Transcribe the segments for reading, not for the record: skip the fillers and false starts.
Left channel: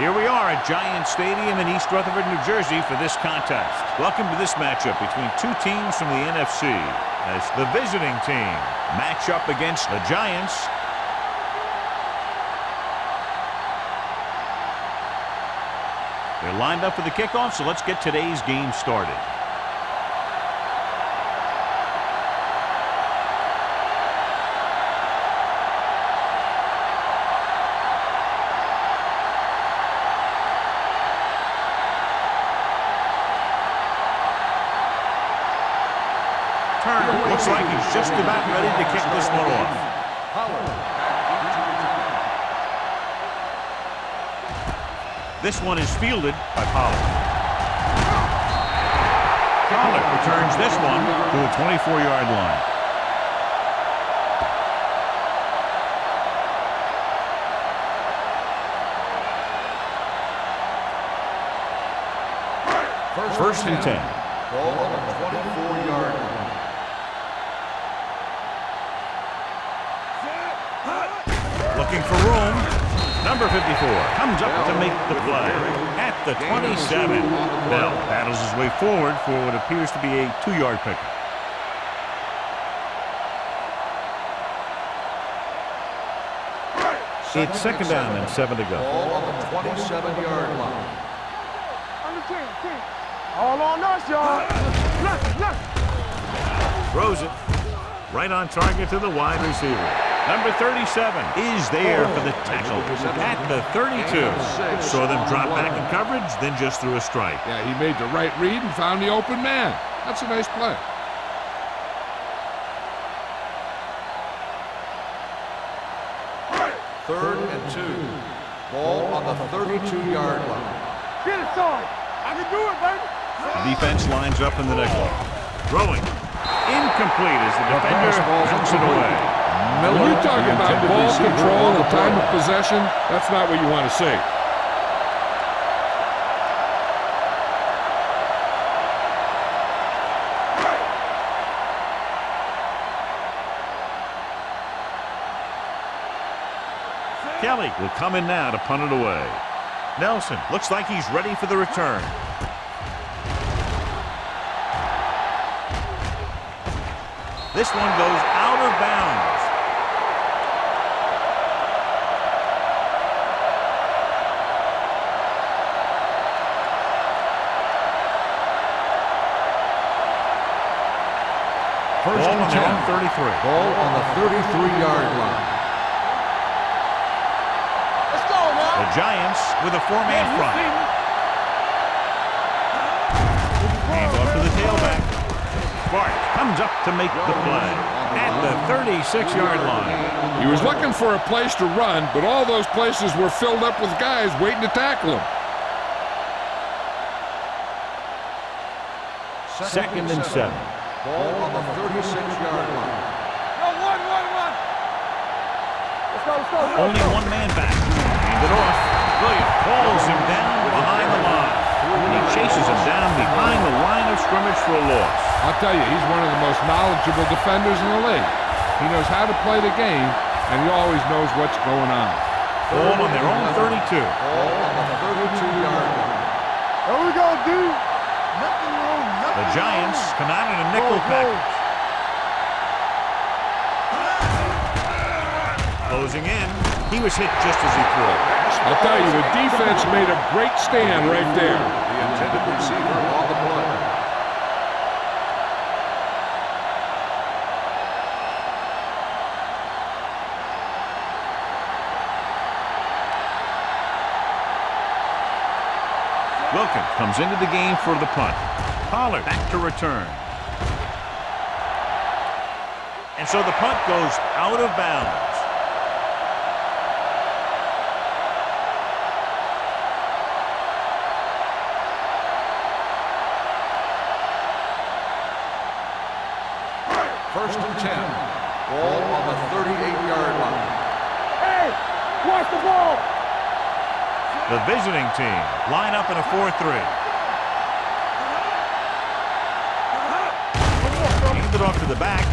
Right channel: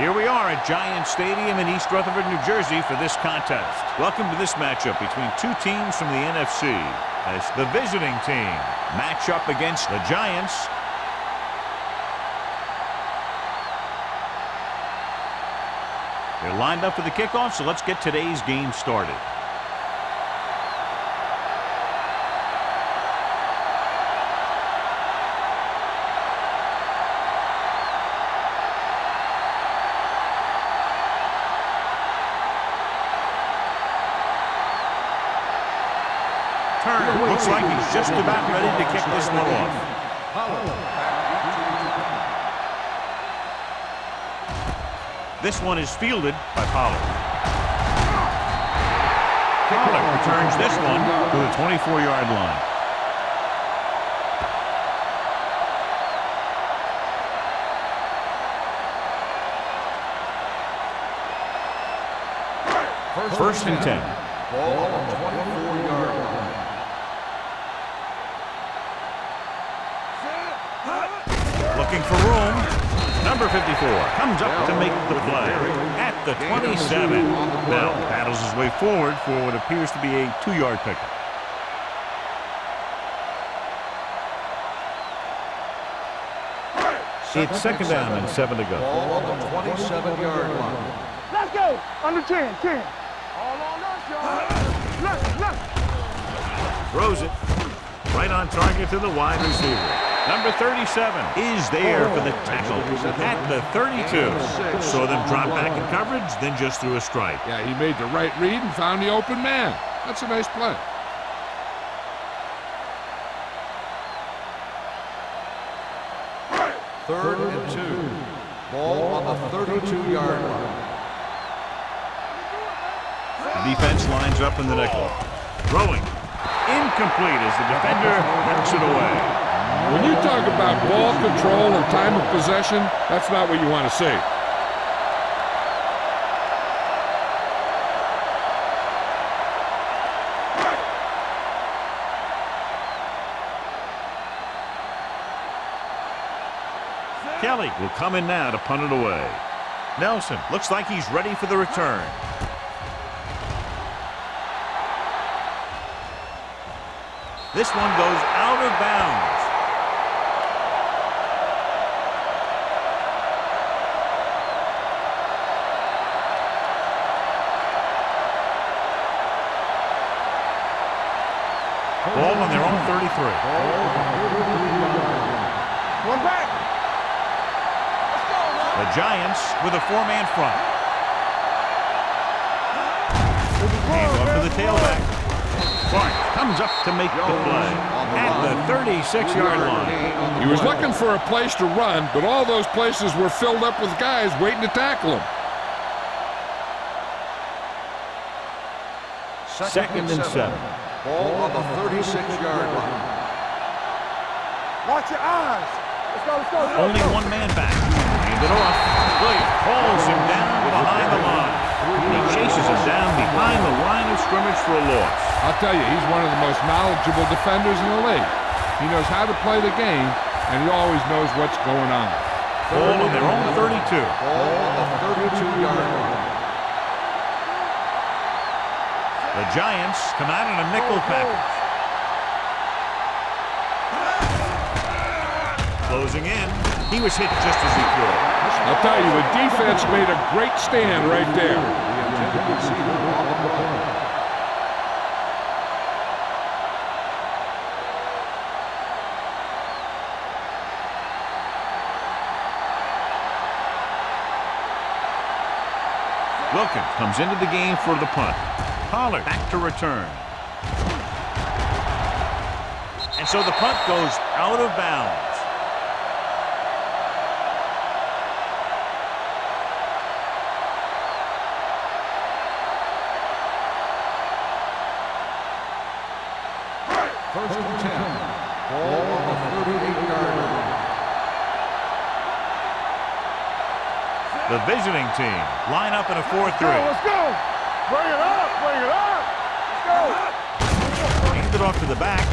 Here we are at Giant Stadium in East Rutherford, New Jersey for this contest. Welcome to this matchup between two teams from the NFC as the visiting team match up against the Giants. They're lined up for the kickoff, so let's get today's game started. Turner looks like he's just about ready to kick this one off. This one is fielded by Pollard. Pollard returns this one to the 24-yard line. First and 10. Ball on the 24-yard line. Looking for room. Number 54 comes up to make the play at the 27. Bell battles his way forward for what appears to be a 2-yard pickup. It's second down and 7 to go. Ball on the 27-yard line. Let's go. Under 10. All on us, y'all. Look. Throws it right on target to the wide receiver. Number 37 is there for the tackle at the 32. Saw them drop back in coverage, then just threw a strike. Yeah, he made the right read and found the open man. That's a nice play. Third and 2. Ball on the 32-yard line. Get it, son. I can do it, baby. The defense lines up in the nickel. Throwing. Incomplete as the defender knocks it away. When you talk about ball control and time of possession, that's not what you want to see. Kelly will come in now to punt it away. Nelson looks like he's ready for the return. This one goes out of bounds. Ball on their own 33. Ball on the 33-yard line. One back. Let's go, man. The Giants with a 4-man front. Hand off to the tailback. Bart comes up to make the play at the 36-yard line. He was looking for a place to run, but all those places were filled up with guys waiting to tackle him. Second and 7. Ball on the 36-yard line. Watch your eyes. Let's go. Only one man back. Hand it off. Williams calls him down behind the line. And he chases him down behind the line of scrimmage for a loss. I'll tell you, he's one of the most knowledgeable defenders in the league. He knows how to play the game, and he always knows what's going on. Ball on their own 32. Ball on the 32-yard line. There we go, dude. The Giants come out in a nickel package. Closing in. He was hit just as he threw. I'll tell you, the defense made a great stand right there. The intended receiver on the play. Wilkins comes into the game for the punt. Pollard back to return. And so the punt goes out of bounds. First and 10. Ball on the 38-yard line. Hey, watch the ball. The visiting team line up in a 4-3. Let's go. Bring it up. Hand it off to the back.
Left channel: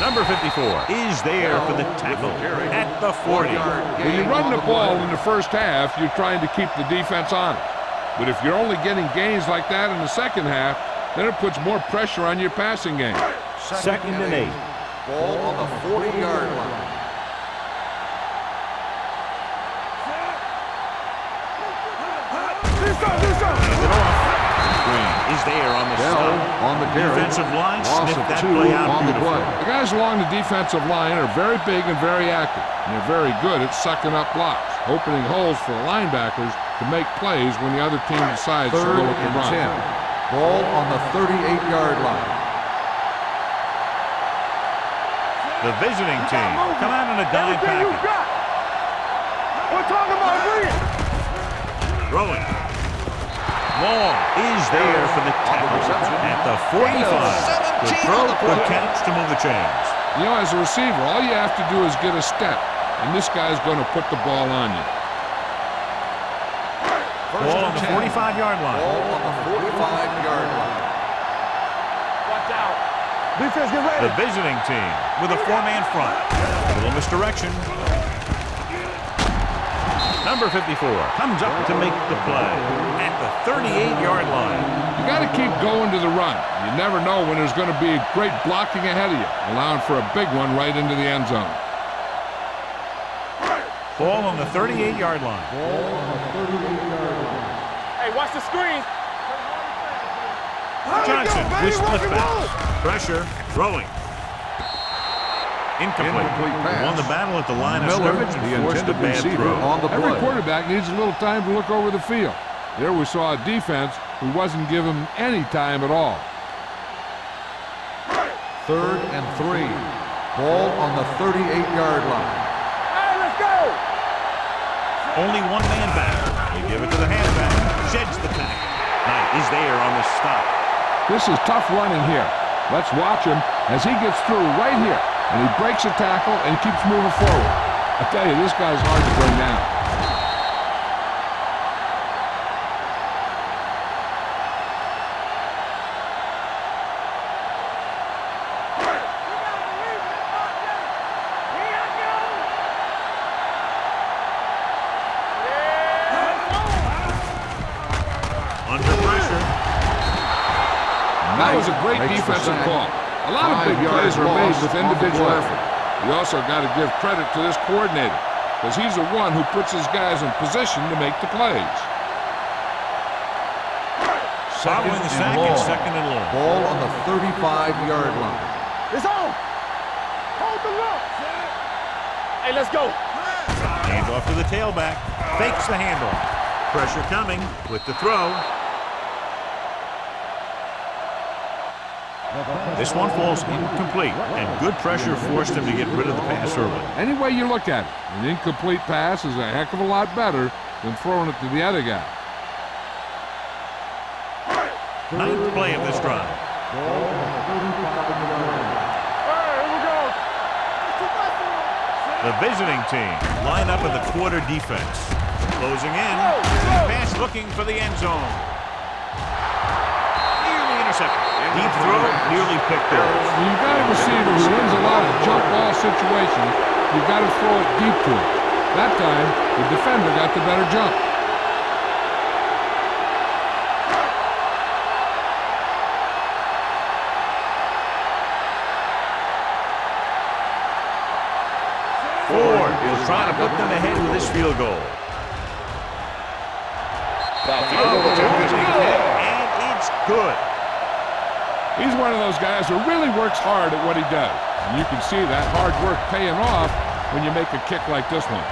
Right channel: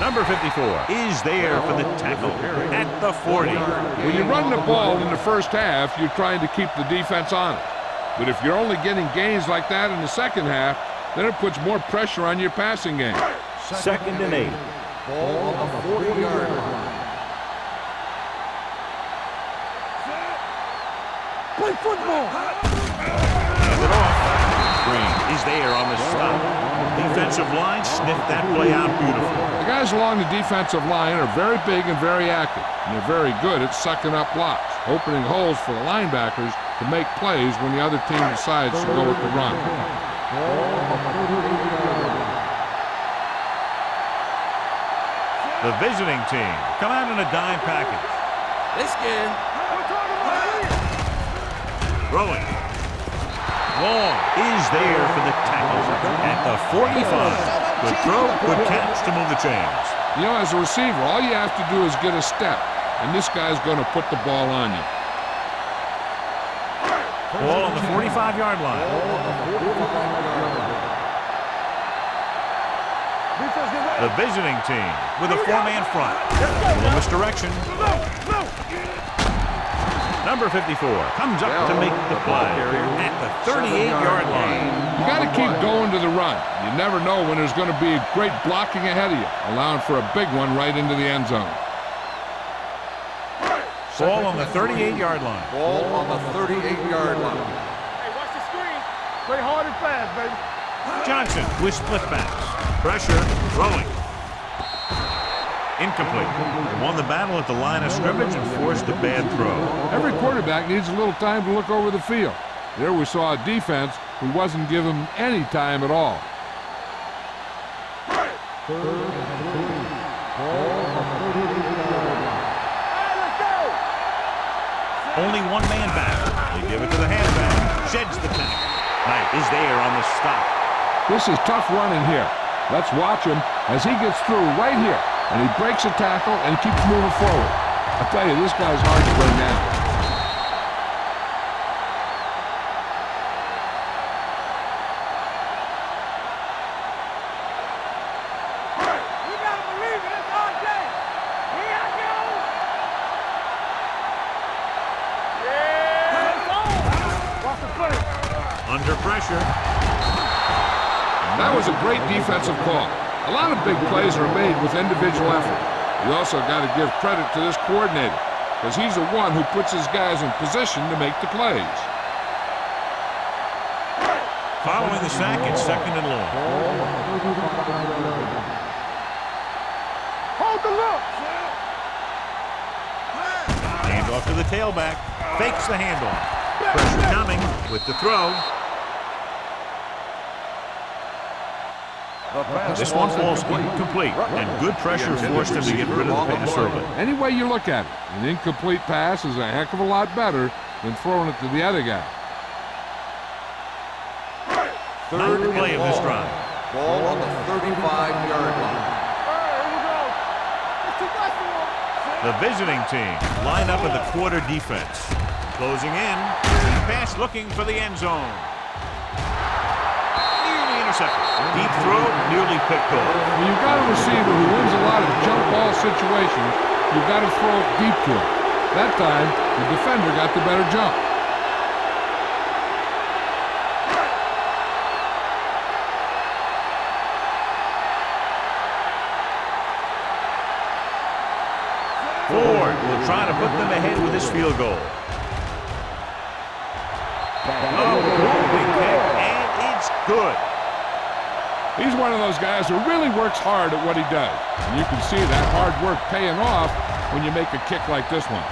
Number 54 is there for the tackle at the 40. When you run the ball in the first half, you're trying to keep the defense honest. But if you're only getting gains like that in the second half, then it puts more pressure on your passing game. Second and 8. Ball on the 40-yard line. Hands it off. Green is there on the stop. Defensive line sniffed that play out beautifully. The guys along the defensive line are very big and very active, and they're very good at sucking up blocks, opening holes for the linebackers to make plays when the other team decides to go with the run. Ball on the 38-yard line. The visiting team come out in a dime package. We're talking about green. Throwing. Long is there for the tackle at the 45. Good throw, good catch to move the chains. You know, as a receiver, all you have to do is get a step, and this guy's going to put the ball on you. Ball on the 45-yard line. Ball on the 45-yard line. Defense, get ready. The visiting team with a four-man front. A little misdirection. Number 54 comes up to make the play at the 38-yard line. You got to keep going to the run. You never know when there's going to be great blocking ahead of you, allowing for a big one right into the end zone. Ball on the 38-yard line. Ball on the 38-yard line. Hey, watch the screen. Play hard and fast, baby. Johnson with split backs. Pressure, throwing. Incomplete. Won the battle at the line of scrimmage and forced a bad throw. Every quarterback needs a little time to look over the field. There we saw a defense who wasn't given any time at all. 3rd and 3. Ball on the 38-yard line. Hey, let's go. Only one man back. They give it to the halfback. Sheds the tackle. Knight is there on the stop. This is tough running here. Let's watch him as he gets through right here. And he breaks a tackle and he keeps moving forward. I tell you, this guy's hard to bring down. You gotta believe it. It's RJ. Here I go. Yeah, Under pressure. That was a great defensive call. A lot of big plays are made with individual effort. You also got to give credit to this coordinator, because he's the one who puts his guys in position to make the plays. Following the sack, it's 2nd and long. Ball on the 35-yard line. It's on. Hold the look. Hey, let's go. Hand off to the tailback. Fakes the handoff. Pressure coming with the throw. This one falls incomplete, and good pressure forced him to get rid of the pass early. Any way you look at it, an incomplete pass is a heck of a lot better than throwing it to the other guy. 9th play of this drive. Ball on the 35-yard line. Hey, here we go. It's too much for him. The visiting team line up at the quarter defense. Closing in. Pass looking for the end zone. Nearly intercepted. Deep throw, nearly picked off. When you've got a receiver who wins a lot of jump ball situations, you've got to throw it deep to him. That time, the defender got the better jump. Ford will try to put them ahead with this field goal. Moving kick, and it's good. He's one of those guys who really works hard at what he does. And you can see that hard work paying off when you make a kick like this one.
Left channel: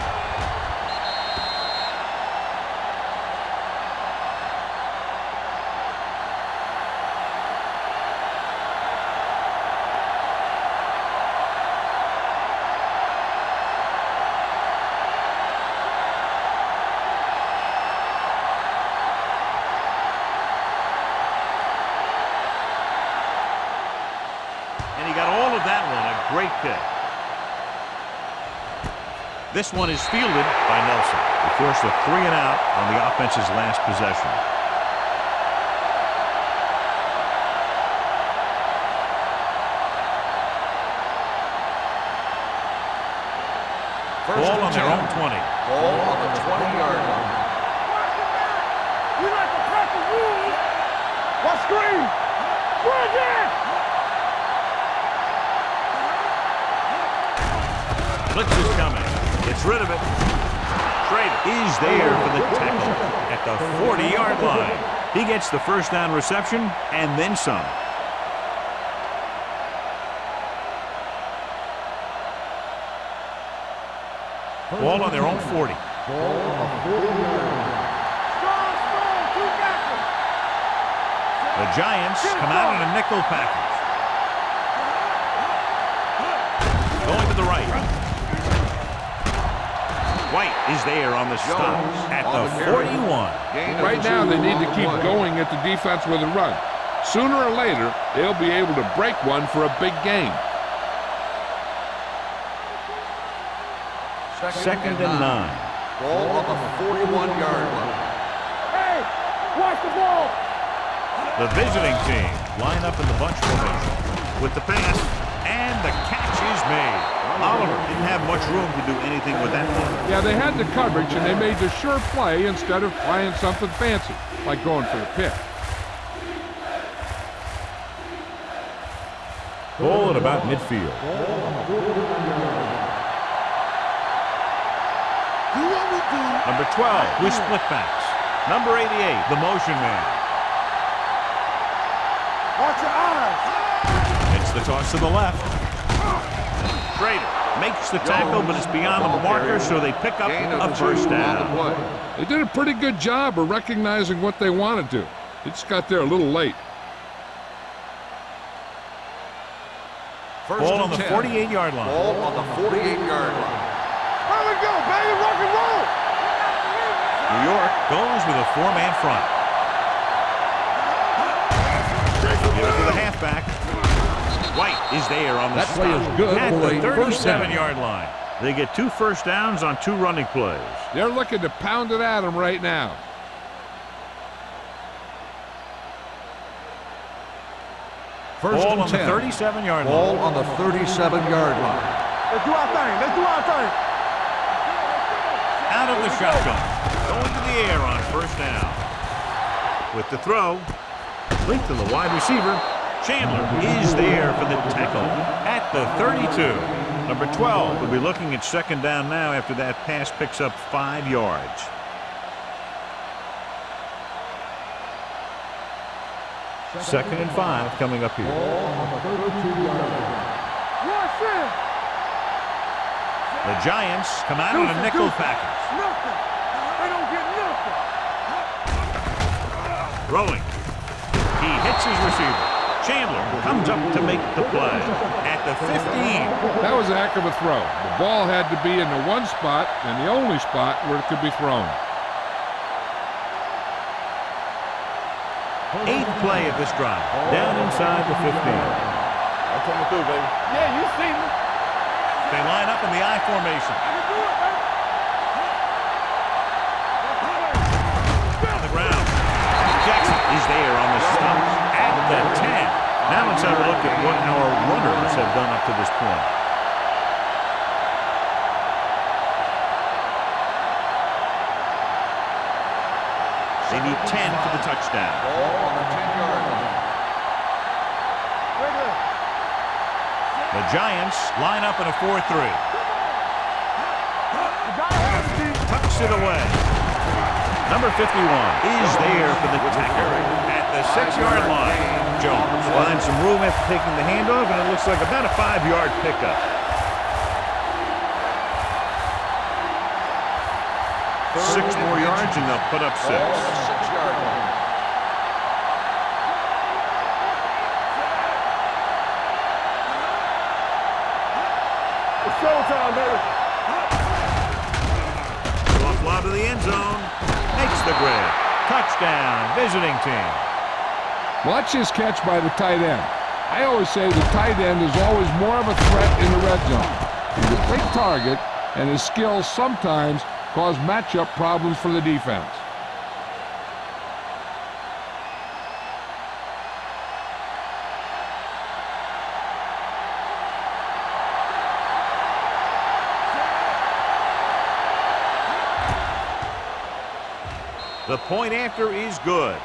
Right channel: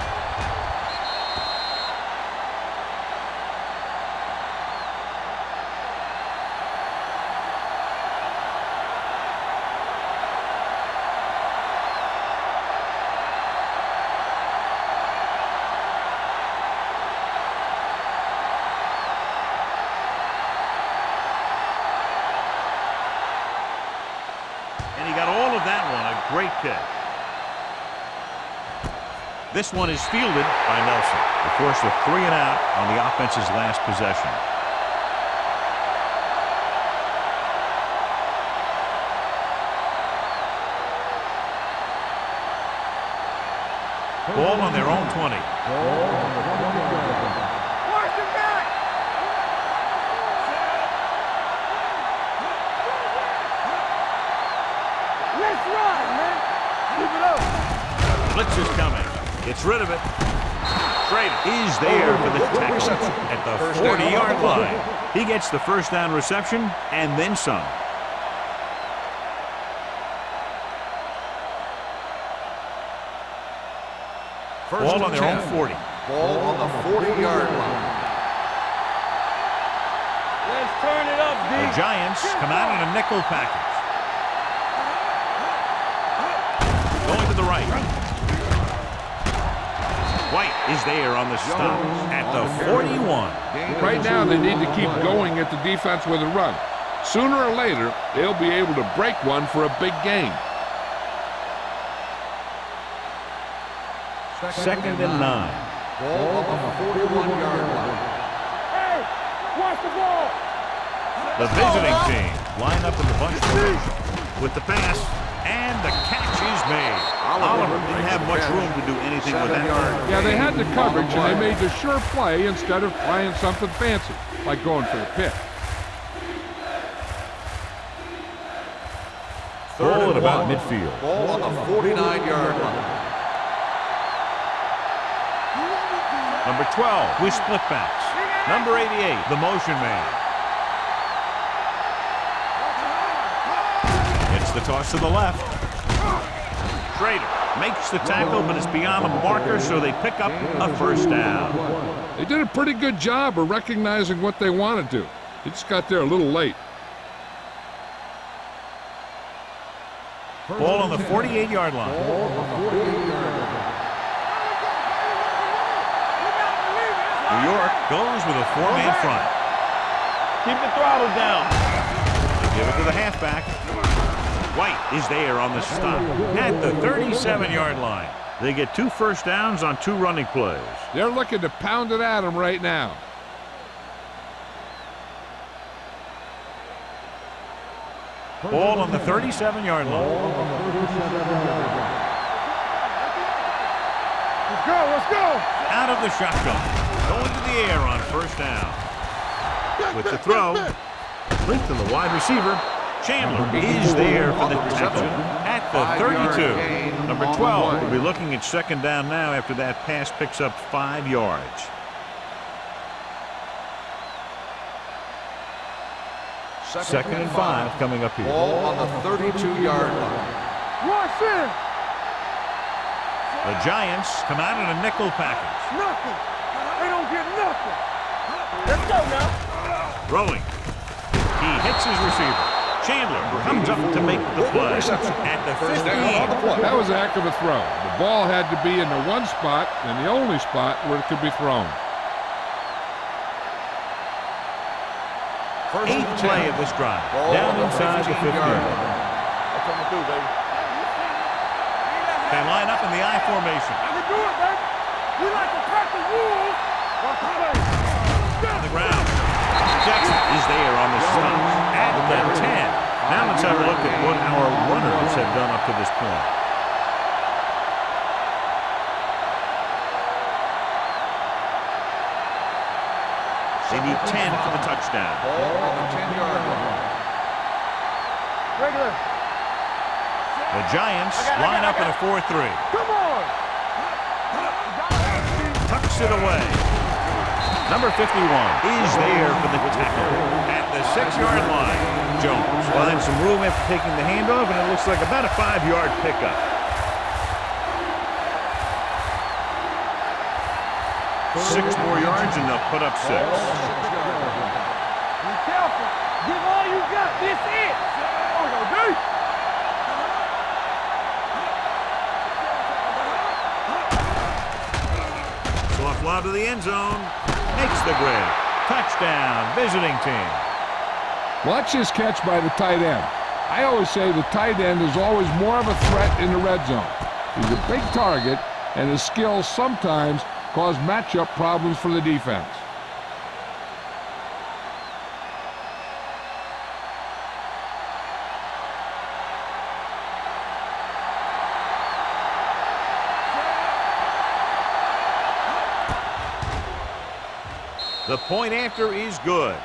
And he got all of that one, a great kick. This one is fielded by Nelson. They forced a 3-and-out on the offense's last possession. Ball on their own 20. Ball on the 20-yard line. Watch your back. You like to cut the rules. What screen? Bring it. Let's rock, man. Keep it up. Blitz is coming. Gets rid of it. Schrader is there for the tackle at the 40-yard line. He gets the first down reception and then some. Ball on their own 40. Ball on the 40-yard line. The Giants come out in a nickel package. Going to the right. White is there on the stop at the 41. Right now, they need to keep going at the defense with a run. Sooner or later, they'll be able to break one for a big gain. Second and 9. Ball on the 41-yard line. Hey, watch the ball. The visiting team line up in the bunch formation with the pass, and the catch is made. Oliver didn't have much room to do anything with that one. Yeah, they had the coverage, and they made the sure play instead of trying something fancy, like going for the pick. Ball at about midfield. Ball on the 49-yard line. Number 12 with split backs. Number 88, the motion man. Watch your eyes. Gets the toss to the left. Schrader makes the tackle, but it's beyond the marker, so they pick up a first down. They did a pretty good job of recognizing what they wanted to. They just got there a little late. Ball on the 48-yard line. Ball on the 48-yard line. There we go, baby. Rock and roll. You gotta believe it. New York goes with a four-man front. Keep the throttle down. Give it to the halfback. White is there on the stop at the 37-yard line. They get 2 first downs on 2 running plays. They're looking to pound it at them right now. Ball on the 37-yard Ball line. on the 37-yard line. Let's do our thing. Let's do our thing. Let's go. Let's go. Out of the shotgun. Going to the air on first down. With the throw, linked to the wide receiver. Chandler is there for the tackle at the 32. Number 12 will be looking at second down now after that pass picks up 5 yards. Second and 5 coming up here. Ball on the 32-yard line. Rush in. The Giants come out in a nickel package. Nothing. They don't get nothing. Let's go, man. Throwing. He hits his receiver. Chandler comes up to make the play at the 15. That was a heck of a throw. The ball had to be in the one spot and the only spot where it could be thrown. 8th play of this drive. Down inside the 15. I'm coming through, baby. Yeah, you see me. They line up in the I formation. I can do it, baby. You like to cut the rules. Watch the play. On the ground. Jackson is there on the stop at the 10. Now let's have a look at what our runners have done up to this point. They need 10 for the touchdown. Ball on the 10-yard line. Regular. The Giants line up in a 4-3. Come on. You gotta have it, D. Tucks it away. Number 51 is there for the tackle at the 6-yard line. Jones finds some room after taking the handoff, and it looks like about a 5-yard pickup. 6 more yards, and they'll put up 6. Ball on the 6-yard line. Be careful. Give all you got. This it. It's showtime, man. Soft lob to the end zone. Makes the grab. Touchdown, visiting team. Watch this catch by the tight end. I always say the tight end is always more of a threat in the red zone. He's a big target, and his skills sometimes cause matchup problems for the defense. The point after is good.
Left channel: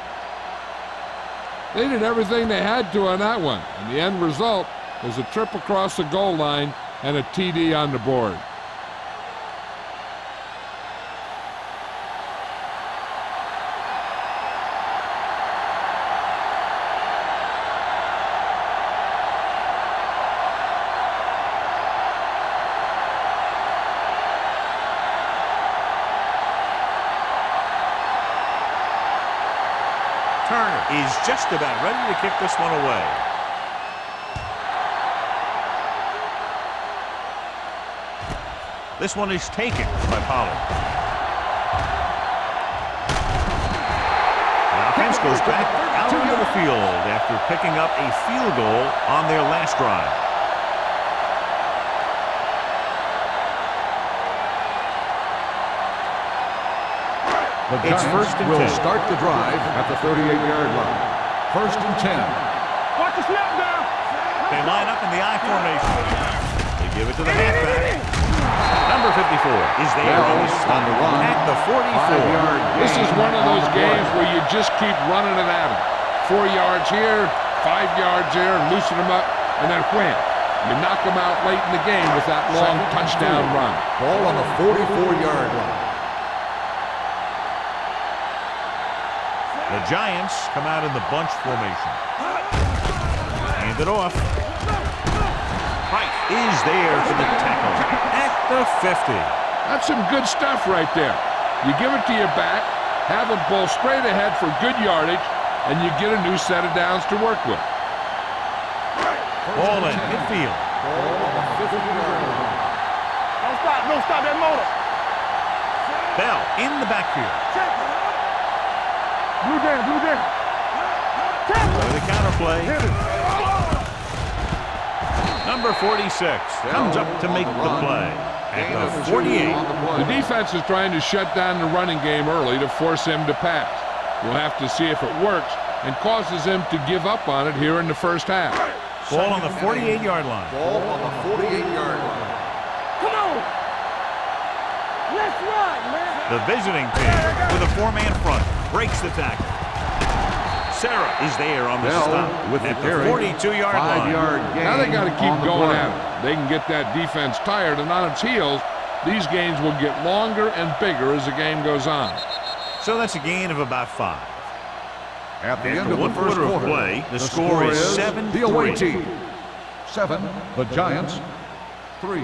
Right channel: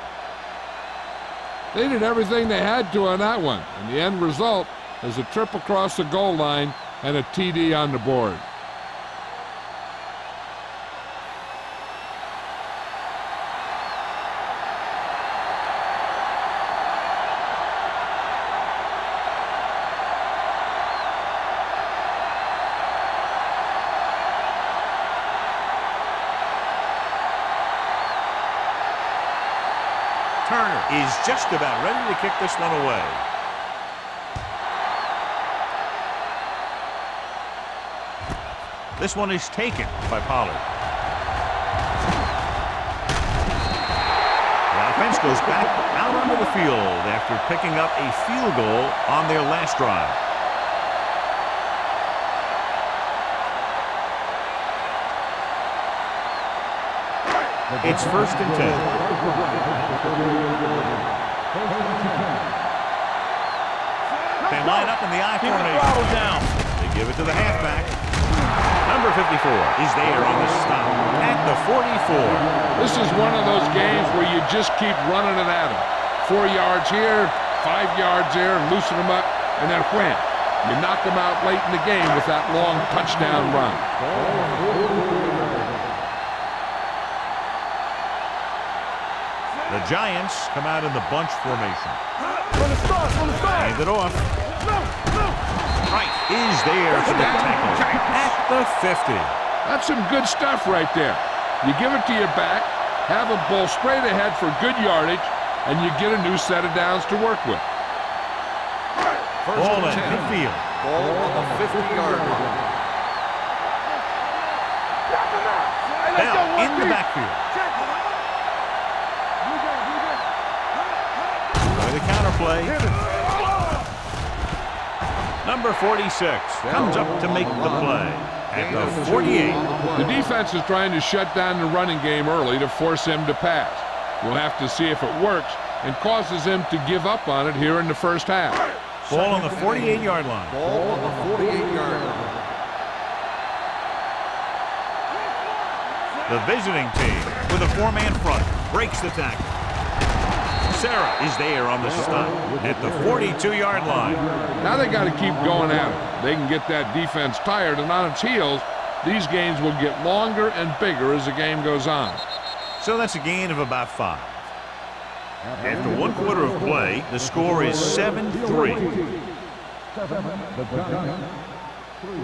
They did everything they had to on that one, and the end result is a trip across the goal line and a TD on the board. Turner is just about ready to kick this one away. This one is taken by Pollard. The offense goes back out onto the field after picking up a field goal on their last drive. It's 1st and 10. Start the drive at the 38-yard line. 1st and 10. Watch the snap down. They line up in the I formation. They give it to the halfback. Number 54 is there on the stop at the 44. This is one of those games where you just keep running it at them. 4 yards here, 5 yards there, loosen them up, and then wham. You knock them out late in the game with that long touchdown run. Ball on the 44-yard line. The Giants come out in the bunch formation. Hand it off. Price is there for the tackle at the 50. That's some good stuff right there. You give it to your back, have them pull straight ahead for good yardage, and you get a new set of downs to work with. Ball in midfield. Ball on the 50-yard line. Don't stop that motor. Bell in the backfield. Blue game, blue game. With a counterplay. Number 46 comes up to make the play at the 48. The defense is trying to shut down the running game early to force him to pass. We'll have to see if it works and causes him to give up on it here in the first half. Ball on the 48-yard line. Ball on the 48-yard line. Come on. Let's run, man. The visiting team with a 4-man front breaks the tackle. Sarah is there on the stop at the 42-yard line. Now they got to keep going at it. They can get that defense tired and on its heels. These games will get longer and bigger as the game goes on. So that's a gain of about 5. After 1 quarter of play, the score is 7-3. 7, the Giants. 3.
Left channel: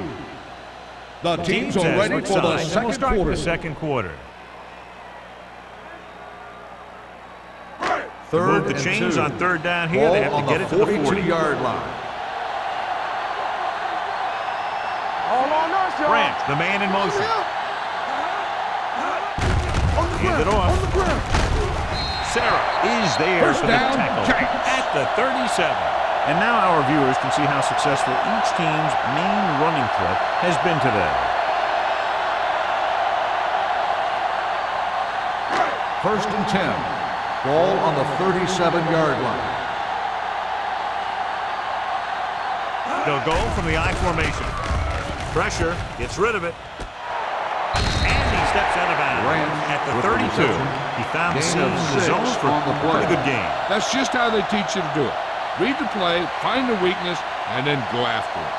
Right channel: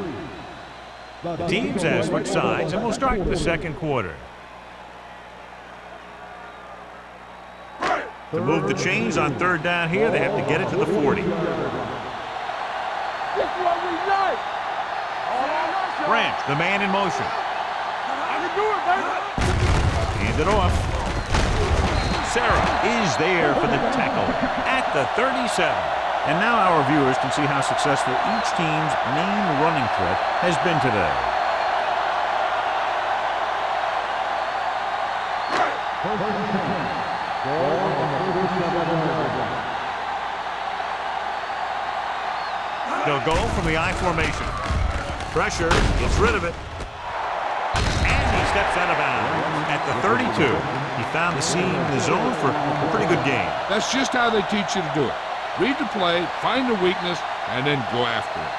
The Teams as switch sides, and we'll start the second quarter. To move the chains on 3rd down here, they have to get it to the 40-yard line. Branch, the man in motion. Hand it off. Sarah is there for the tackle at the 37. And now our viewers can see how successful each team's main running threat has been today. 1st and 10. Ball on the 37-yard line. They'll go from the I formation. Pressure, gets rid of it. And he steps out of bounds at the 32. He found the seam in the zone for a pretty good game. That's just how they teach you to do it. Read the play, find the weakness, and then go after it.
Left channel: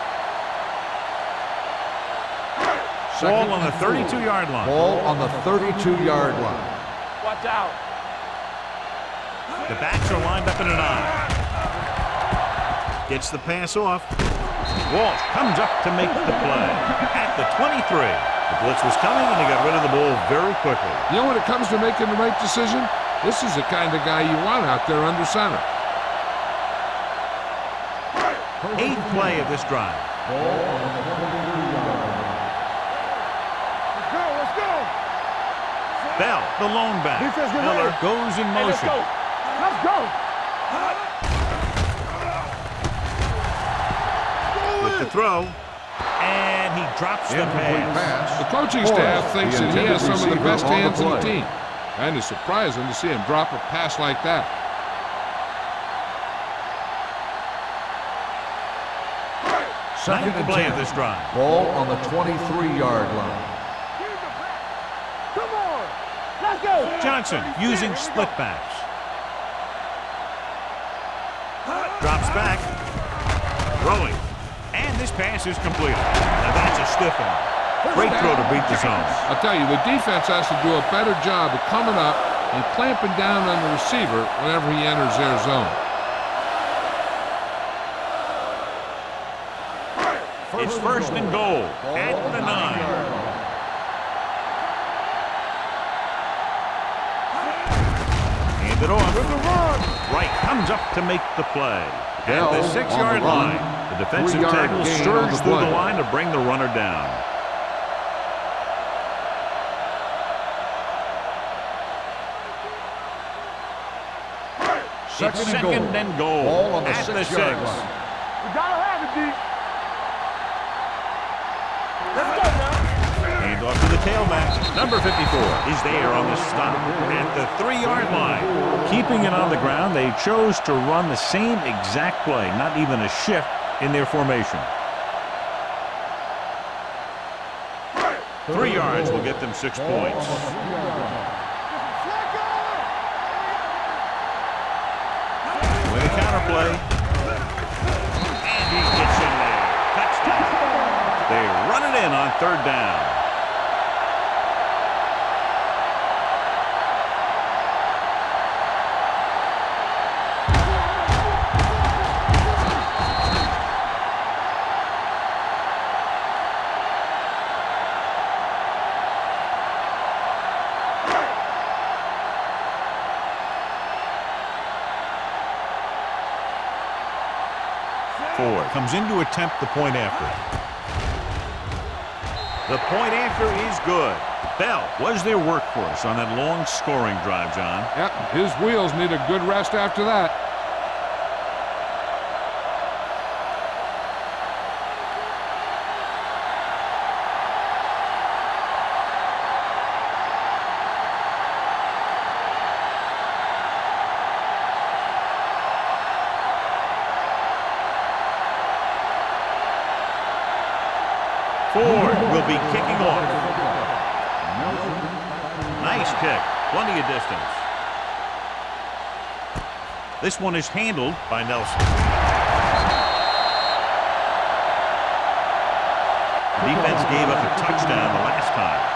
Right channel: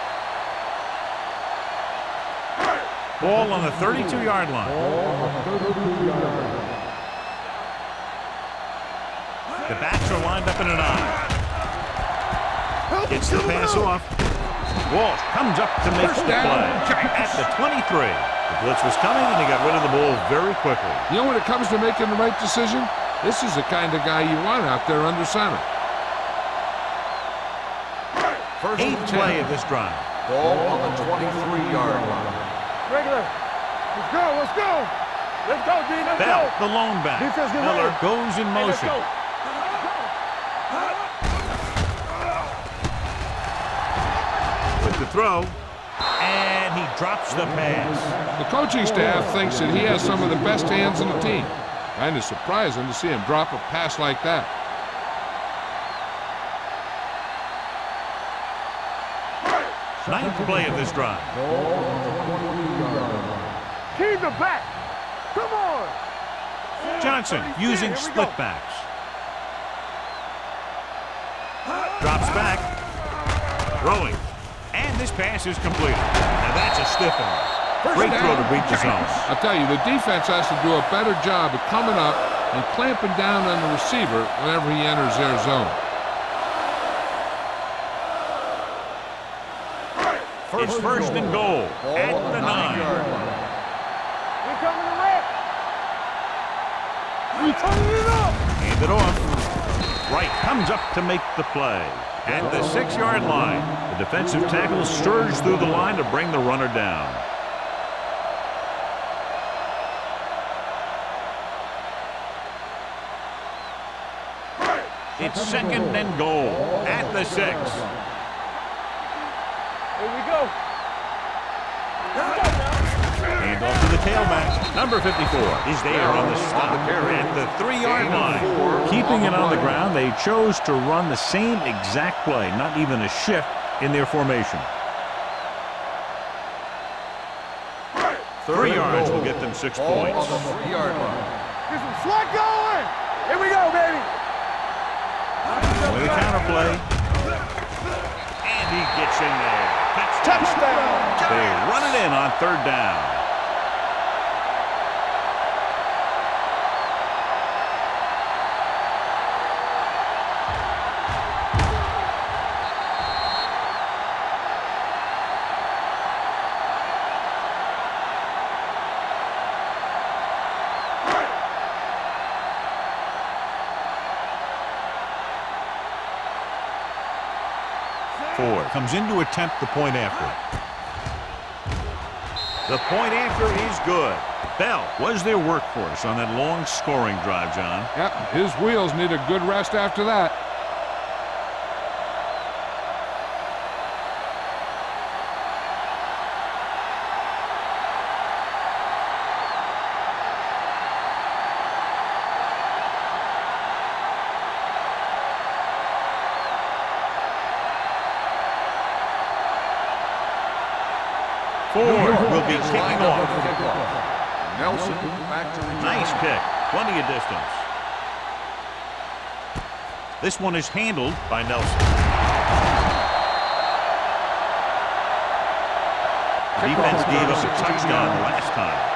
Ball on the 32-yard line. Ball on the 32-yard line. The backs are lined up in an I. Gets the pass off. Walsh comes up to make the play at the 23. The blitz was coming, and he got rid of the ball very quickly. You know, when it comes to making the right decision, this is the kind of guy you want out there under center. 8th play of this drive. Ball on the 23-yard line. Let's go, let's go. Let's go, D. Bell, the lone back. Defense, get Miller ready. goes in Let's motion. go. Let's go. With the throw, and he drops the pass. The coaching staff thinks that he has some of the best hands in the team. Kind of surprising to see him drop a pass like that. 9th play of this drive. Ball on the 23-yard line. Keep the back. Come on. Let's go. Johnson using split backs. Drops back. Throwing. And this pass is completed. Now that's a stiff arm. Great throw to beat the zone. I'll tell you, the defense has to do a better job of coming up and clamping down on the receiver whenever he enters their zone. It's first and goal at the 9. Hand it off. Wright comes up to make the play. At the 6-yard line, the defensive tackle surged through the line to bring the runner down. It's second and goal at the 6. Hand off to the tailback. Number 54 is there on the stop at the 3-yard line. Keeping it on the ground, they chose to run the same exact play, not even a shift in their formation. 3 yards will get them 6 points. Get some sweat going. Here we go, baby. With a counter play. And he gets in there. Touchdown. They run it in on 3rd down. Ford comes in to attempt the point after. The point after is good. Bell was their workhorse on that long scoring drive, John. Yep, his wheels need a good rest after that. Ford will be kicking off. Nice kick. Plenty of distance. This one is handled by Nelson. The defense gave up a touchdown the last time.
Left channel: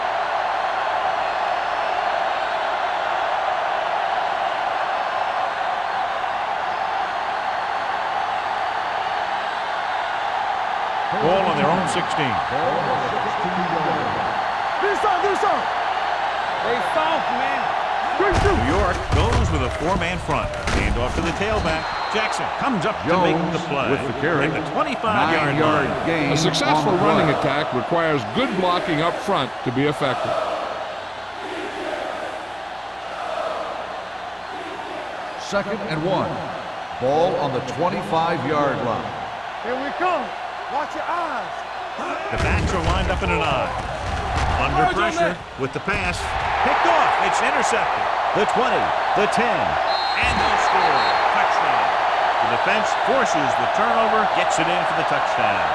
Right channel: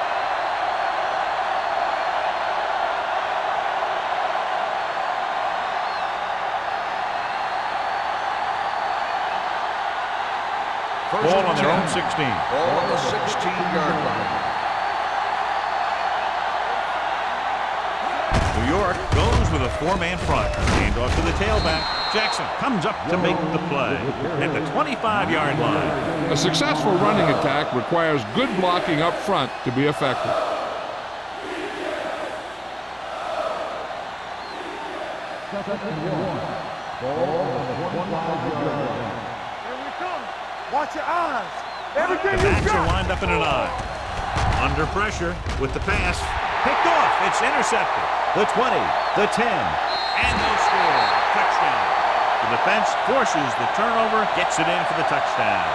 Ball on their own 16. Ball on the 16-yard line. New York goes with a 4-man front. Hand off to the tailback. Jackson comes up to make the play at the 25-yard line. A successful running attack requires good blocking up front to be effective. Second and 1. Ball on the 25-yard line. Here we come. Watch your eyes. The backs are lined up in an eye. Under pressure with the pass. Picked off. It's intercepted. The 20, the 10, and they'll score. Touchdown. The defense forces the turnover, gets it in for the touchdown.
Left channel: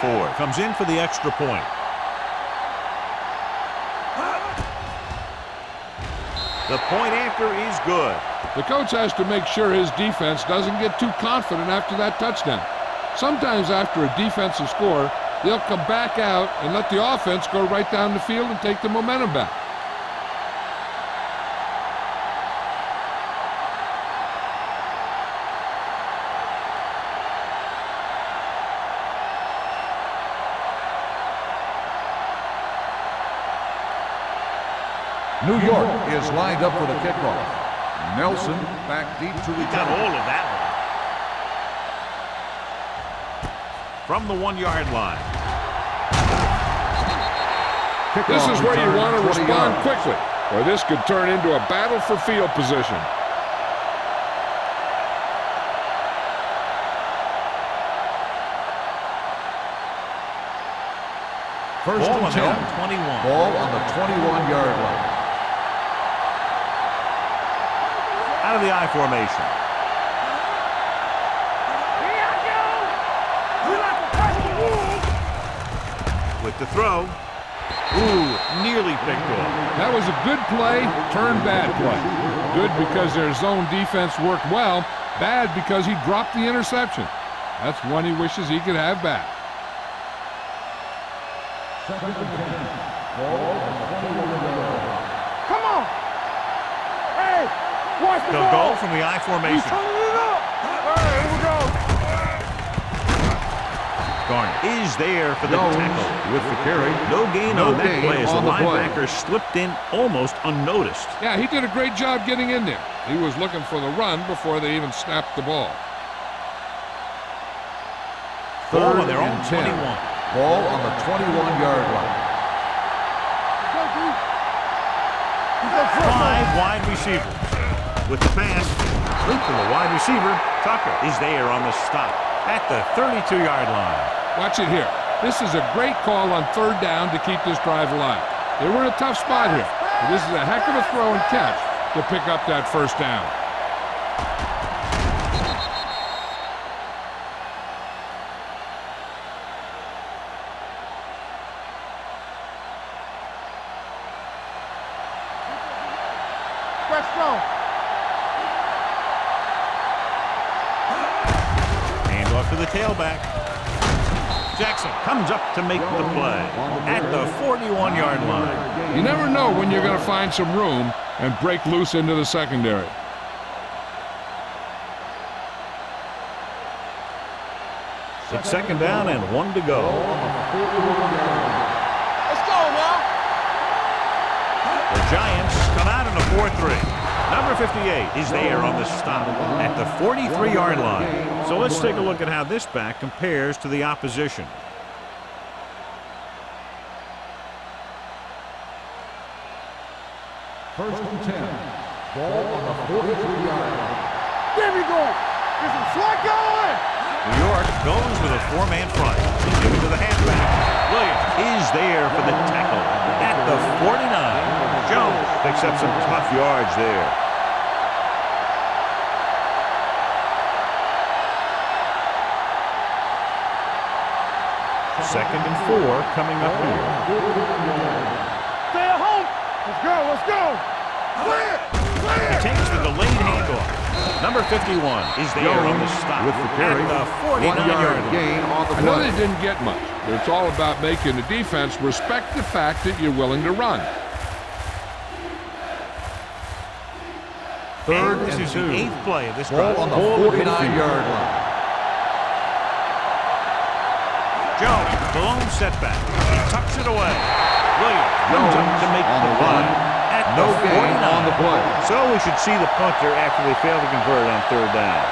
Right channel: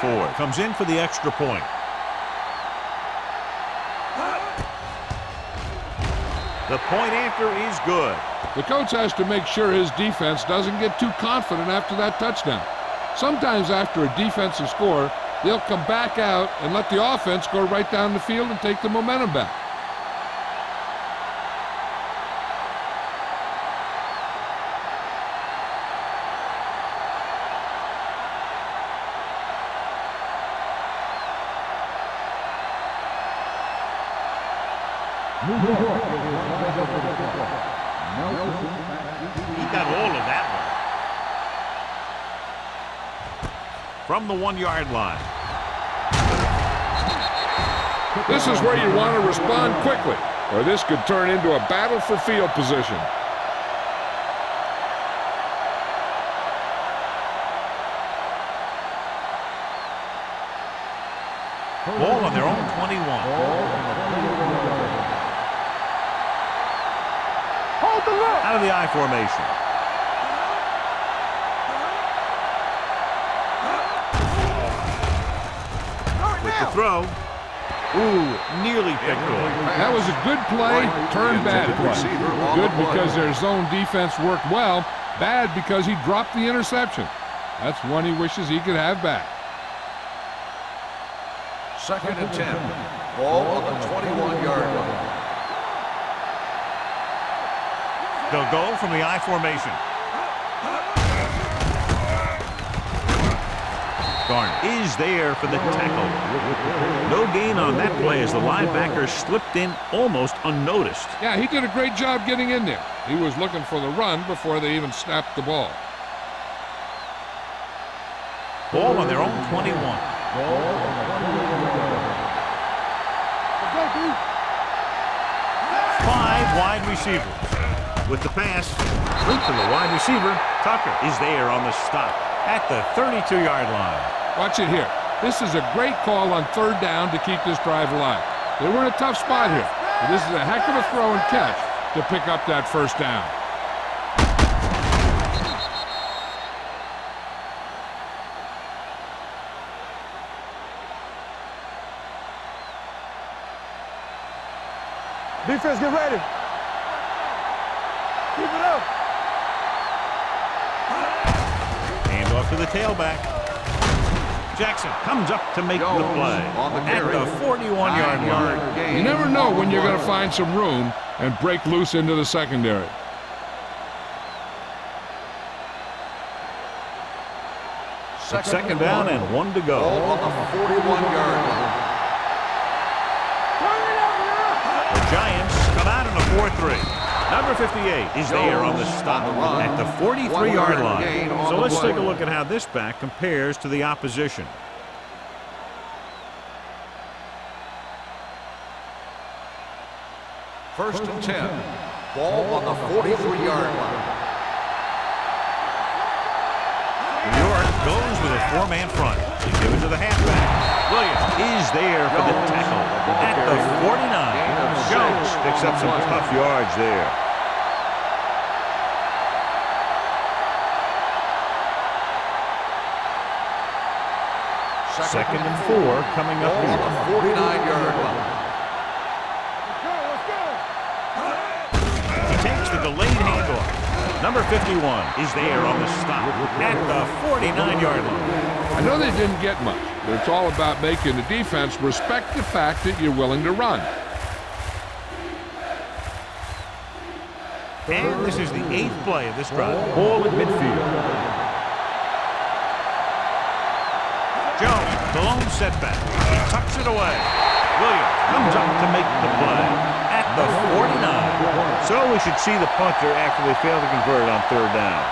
Ford comes in for the extra point. The point after is good. The coach has to make sure his defense doesn't get too confident after that touchdown. Sometimes after a defensive score, they'll come back out and let the offense go right down the field and take the momentum back. New York is lined up for the kickoff. Nelson back deep to He got all of that one. From the 1-yard line. This is where you want to respond quickly, or this could turn into a battle for field position. Ball on their own 21. Ball on the 21-yard line. Out of the I formation. With the throw. Ooh, nearly picked off. That was a good play, turned bad play. Good because their zone defense worked well, bad because he dropped the interception. That's one he wishes he could have back. 2nd and 10. Ball on the 21-yard line. Come on. Hey, watch They'll go from the I formation. Garner is there for the tackle. With the carry. No gain on that play as the linebacker slipped in almost unnoticed. Yeah, he did a great job getting in there. He was looking for the run before they even snapped the ball. Ball on their own 21. Ball on the 21-yard line. Let's go, dude. 5 wide receivers. With the pass, loop to the wide receiver. Tucker is there on the stop at the 32-yard line. Watch it here. This is a great call on 3rd down to keep this drive alive. They were in a tough spot here, but this is a heck of a throw and catch to pick up that 1st down. Defense, get ready. Press strong. Keep it up. Hand off to the tailback. Jackson comes up to make the play at the 41-yard line. You never know when you're going to find some room and break loose into the secondary. It's 2nd down and 1 to go. The Giants come out in a 4-3. Number 58 is there on the stop at the 43-yard line. So let's take a look at how this back compares to the opposition. First and 10. Ball on the 43-yard line. There we go. There's some slack going. New York goes with a 4-man front. They give it to the halfback. Williams is there for the tackle at the 49. Jones picks up some tough yards there. Second and 4 coming up here. 49-yard line. Stay at home. Let's go. He takes the delayed handoff. Number 51 is there on the stop at the 49-yard line. I know they didn't get much, but it's all about making the defense respect the fact that you're willing to run. And this is the 8th play of this drive. Ball at midfield. Jones, the lone setback. He tucks it away. Williams comes up to make the play at the 49. So we should see the punter after they fail to convert on 3rd down.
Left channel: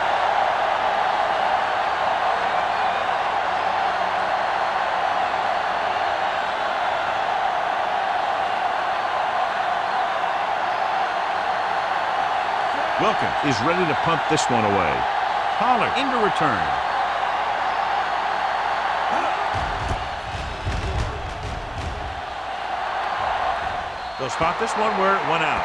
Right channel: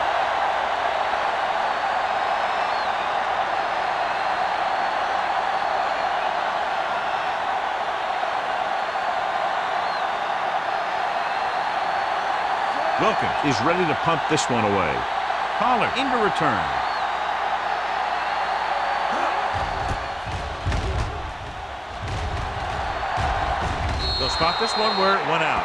Wilkins is ready to punt this one away. Pollard into return. They'll spot this one where it went out.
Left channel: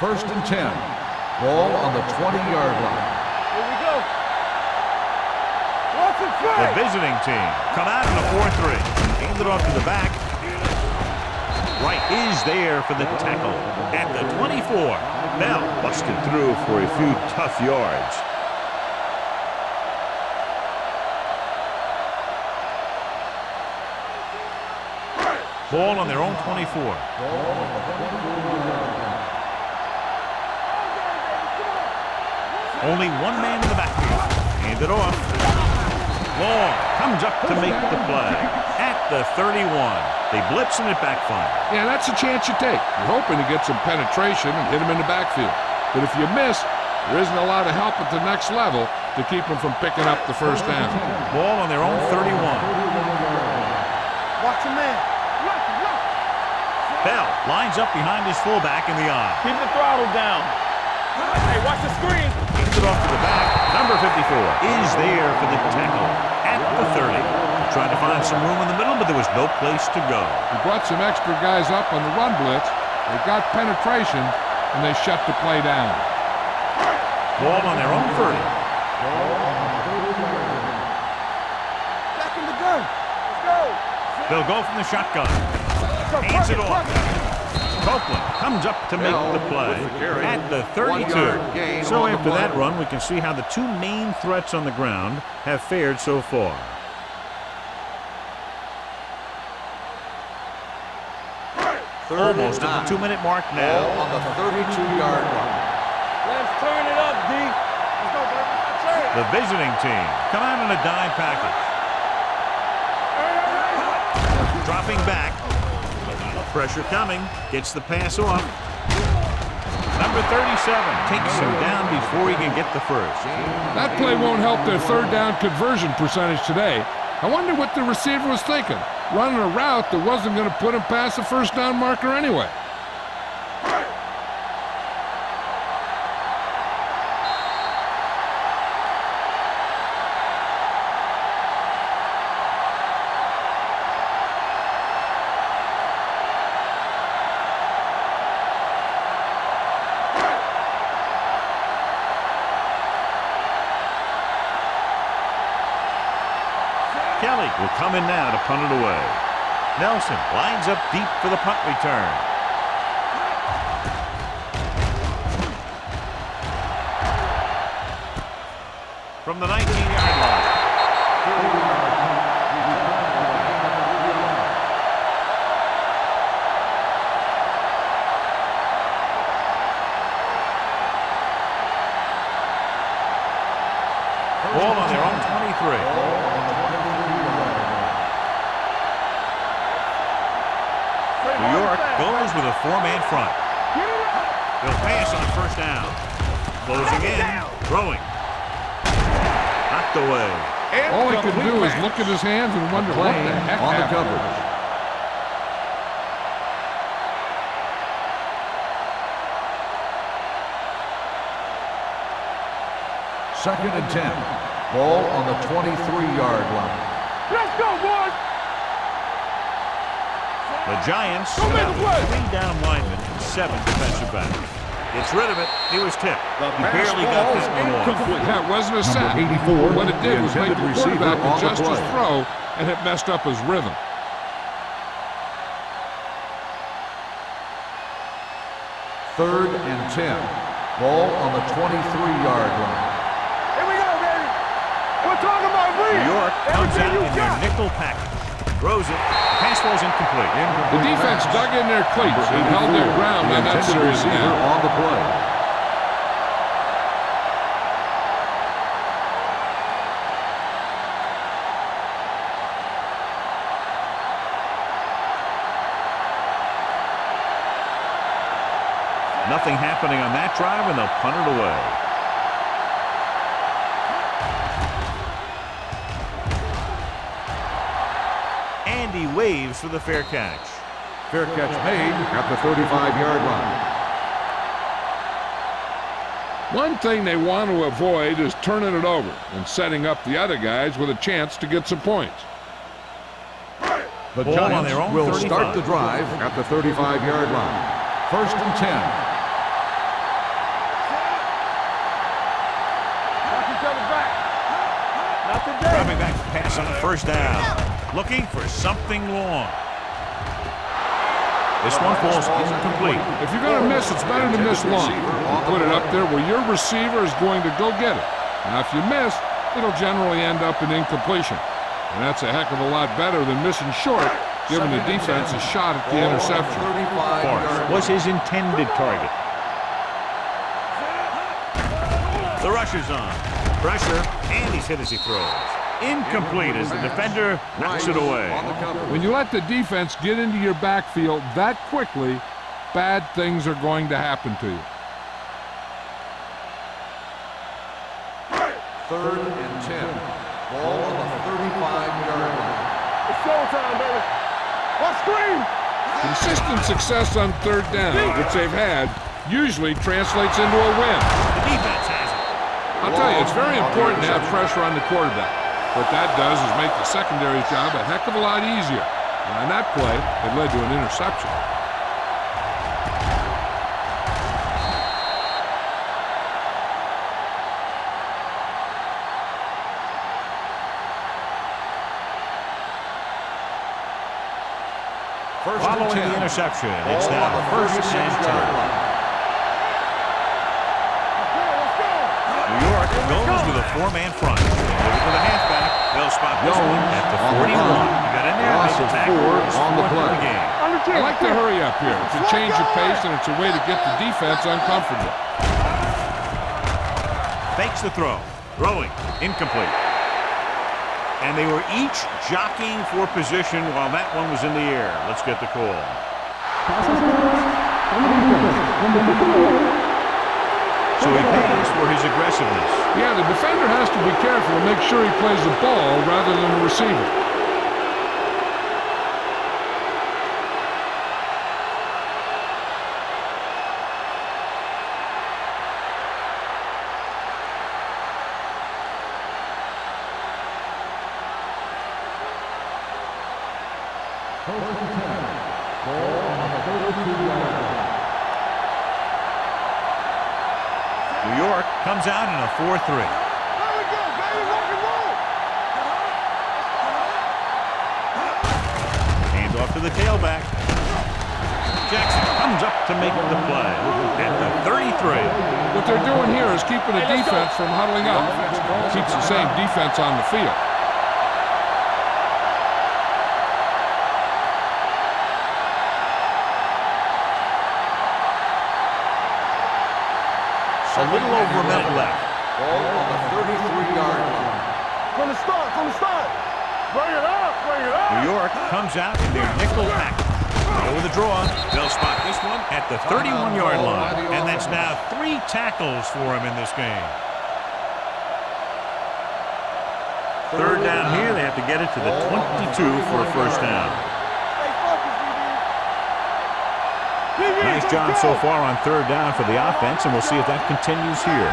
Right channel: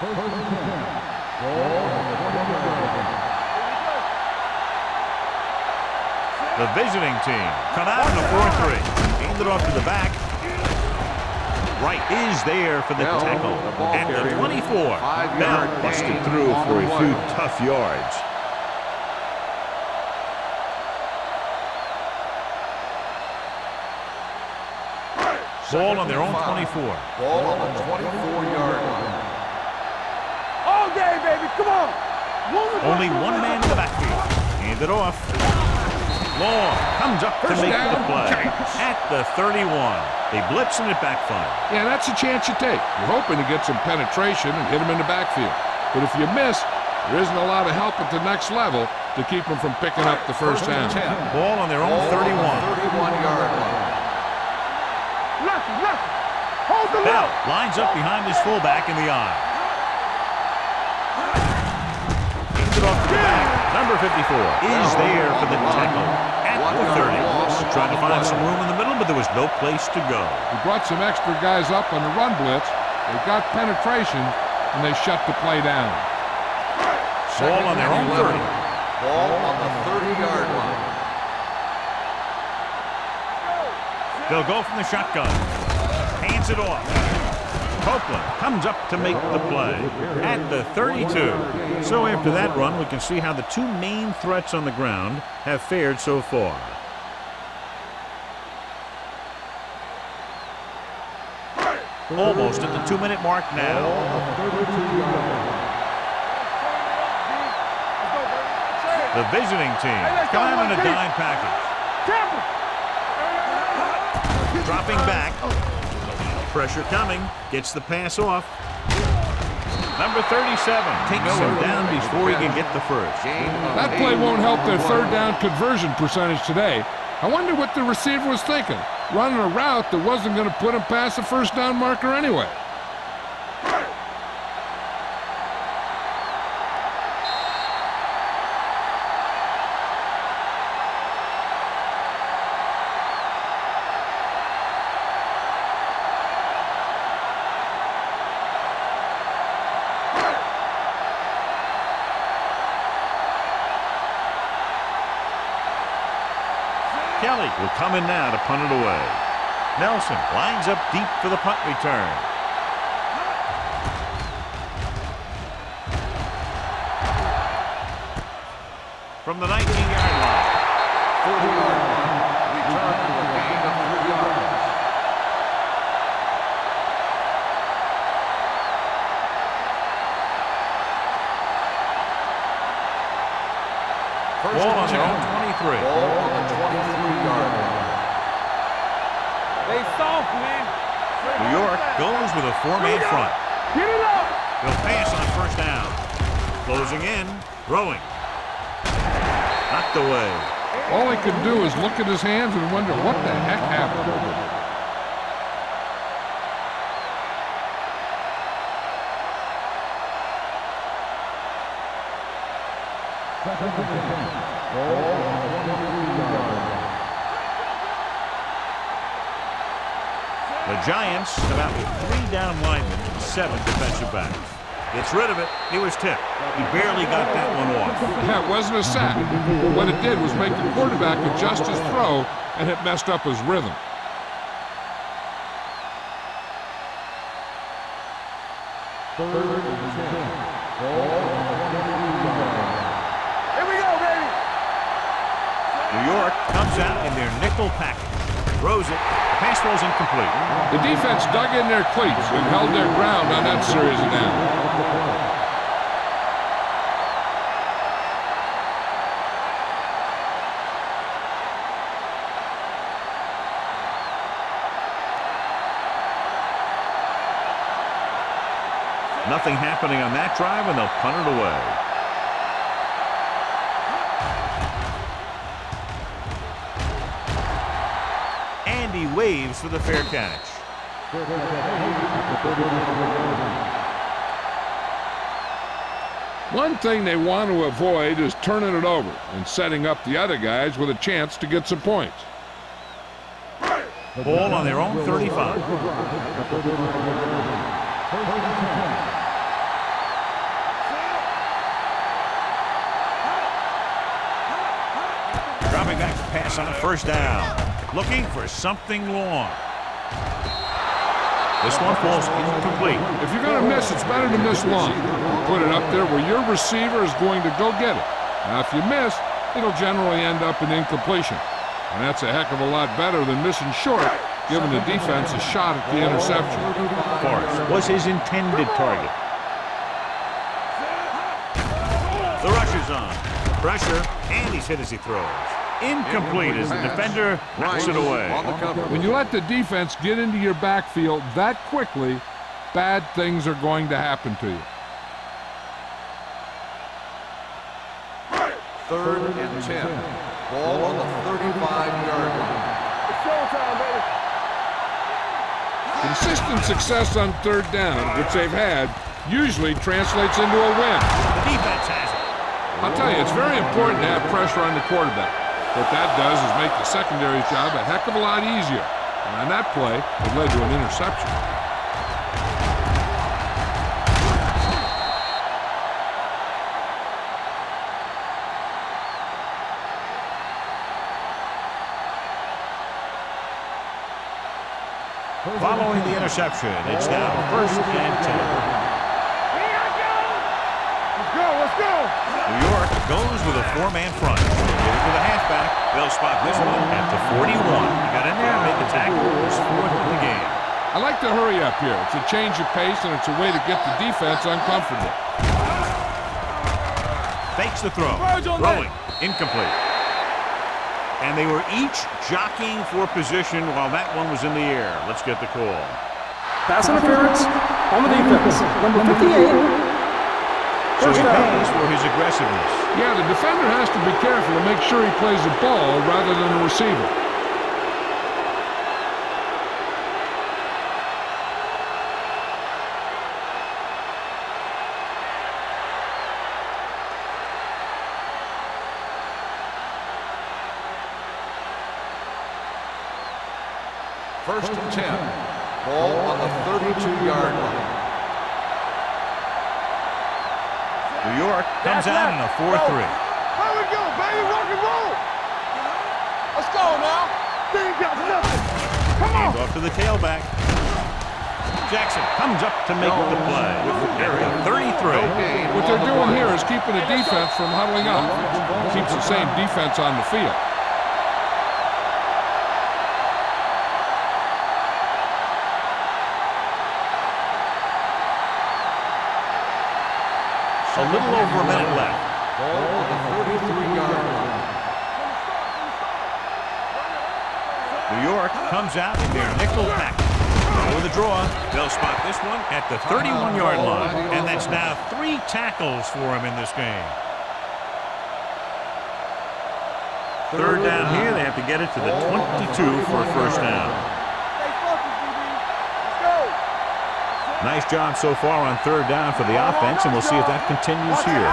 First and 10. Ball on the 20-yard line. Here we go. The visiting team come out in a 4-3. Hand it off to the back. Wright is there for the tackle at the 24. Bell busted through for a few tough yards. Ball on their own 24. Ball on the 24-yard line. All day, baby. Come on. Only one man in the backfield. Hand it off. Long comes up to make the play at the 31. They blitz and it backfires. Yeah, that's a chance you take. You're hoping to get some penetration and hit him in the backfield. But if you miss, there isn't a lot of help at the next level to keep them from picking up the first down. Ball on their own 31. Watch your man. Lucky. Hold the Bell lines up behind his fullback in the eye. Keep the throttle down. Hey, watch the screen. Kicks it off to the back. Number 54 is there for the tackle at the 30. Trying to find some room in the middle, but there was no place to go. He brought some extra guys up on the run blitz. They got penetration, and they shut the play down. Ball on their own 30. Ball on the 30-yard line. Back in the gun. Let's go. They'll go from the shotgun. Hands it off. Copeland comes up to make the play at the 32. So after that run, we can see how the two main threats on the ground have fared so far. Almost at the 2-minute mark Ball now. on the 32-yard line. Let's turn it up, D. Let's go, baby. That's it. The visiting team come out in a dime package. Dropping back. Pressure coming. Gets the pass off. Number 37 takes him down before he can get the first. That play won't help their third down conversion percentage today. I wonder what the receiver was thinking, running a route that wasn't going to put him past the first down marker anyway. Kelly will come in now to punt it away. Nelson lines up deep for the punt return. From the 19-yard line. 30-yard line. Return for a gain of 3 yards. Ball on their own 23. Ball on the 23-yard line. They soft, man. New York goes with a 4-man front. Get it up. They'll pass on first down. Closing in, throwing. Knocked away. All he could do is look at his hands and wonder what the heck On the happened. coverage. Second and 10. Ball on the 23-yard line. Let's go, boys. The Giants come out with 3 down linemen and 7 defensive backs. Gets rid of it. He was tipped. He barely got that one off. Yeah, it wasn't a sack. What it did was make the quarterback adjust his throw, and it messed up his rhythm. Third and 10. Ball on the 23-yard line. Here we go, baby. We're talking about New York comes out in their nickel package. Throws it. The pass falls incomplete. The defense dug in their cleats and held their ground on that series down. On the play. Nothing happening on that drive, and they'll punt it away. And he waves for the fair catch. Fair catch made at the 35-yard line. One thing they want to avoid is turning it over and setting up the other guys with a chance to get some points. The Ball on Giants their own will 35. start the drive at the 35-yard line. First and 10. Dropping back to pass on first down. Looking for something long. This one falls incomplete. If you're going to miss, it's better to miss long. You put it up there where your receiver is going to go get it. Now, if you miss, it'll generally end up in incompletion. And that's a heck of a lot better than missing short, giving the defense a shot at the interception. Forrest was his intended target. The rush is on. Pressure, and he's hit as he throws. Incomplete as the defender knocks it away. When you let the defense get into your backfield that quickly, bad things are going to happen to you. 3rd and 10. Ball on the 35-yard line. It's showtime, baby. On screen. Consistent success on 3rd down, which they've had, usually translates into a win. The defense has it. I'll tell you, it's very important to have pressure on the quarterback. What that does is make the secondary's job a heck of a lot easier. And on that play, it led to an interception. Following the interception, it's now 1st and 10. Let's go. New York goes with a 4-man front. They give it to the halfback. They'll spot this one at the 41. He got in there and made the tackle. It's 4th in the game. I like to hurry up here. It's a change of pace, and it's a way to get the defense uncomfortable. Fakes the throw. Throwing. Incomplete. And they were each jockeying for position while that one was in the air. Let's get the call. Pass interference on the defense. Number 58. So he pays for his aggressiveness. Yeah, the defender has to be careful to make sure he plays the ball rather than the receiver. First and 10. Ball on the 32-yard line. New York comes out in a 4-3. There we go, baby. Rock and roll. Let's go now. Hand off to the tailback. Jackson comes up to make the play at the 33. What they're doing here is keeping the defense from huddling up. Keeps the same defense on the field. A little over a minute left. Ball on the 33-yard line. From the start. Bring it up. New York comes out in their nickel package. With a draw, they'll spot this one at the 31-yard line. And that's now 3 tackles for him in this game. 3rd down here, they have to get it to the 22 for a 1st down. Stay focused, DB. Stay. Nice job so far on 3rd down for the offense, and we'll see if that continues here.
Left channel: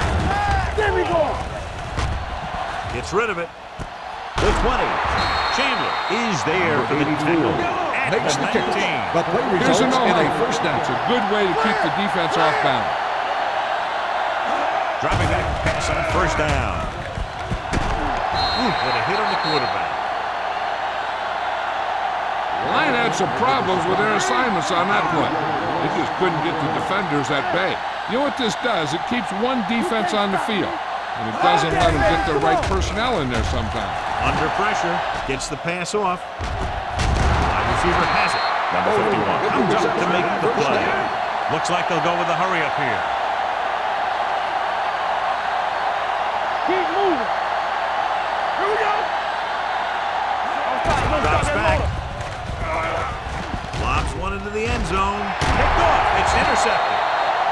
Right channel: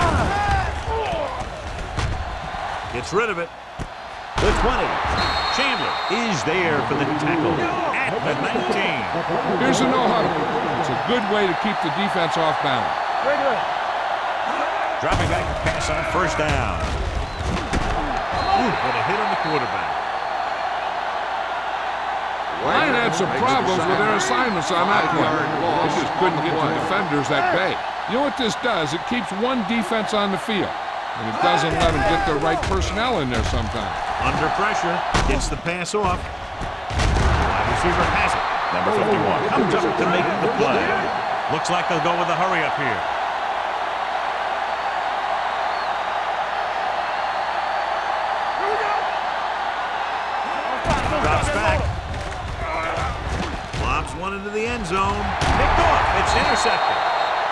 Gets rid of it. The 20. Chandler is there for the tackle at the 19. Here's a no-huddle. It's a good way to keep the defense off balance. Dropping back to pass on 1st down. Ooh, what a hit on the quarterback. Line had some problems with their assignments on that play. They just couldn't get the defenders at bay. You know what this does? It keeps one defense on the field, and it doesn't let them get the right personnel in there sometimes. Under pressure, gets the pass off. Wide receiver has it. Number 51 comes up to make the play. Looks like they'll go with a hurry up here. Keep moving. Here we go. Drops back. Lobs one into the end zone. Picked off. It's intercepted.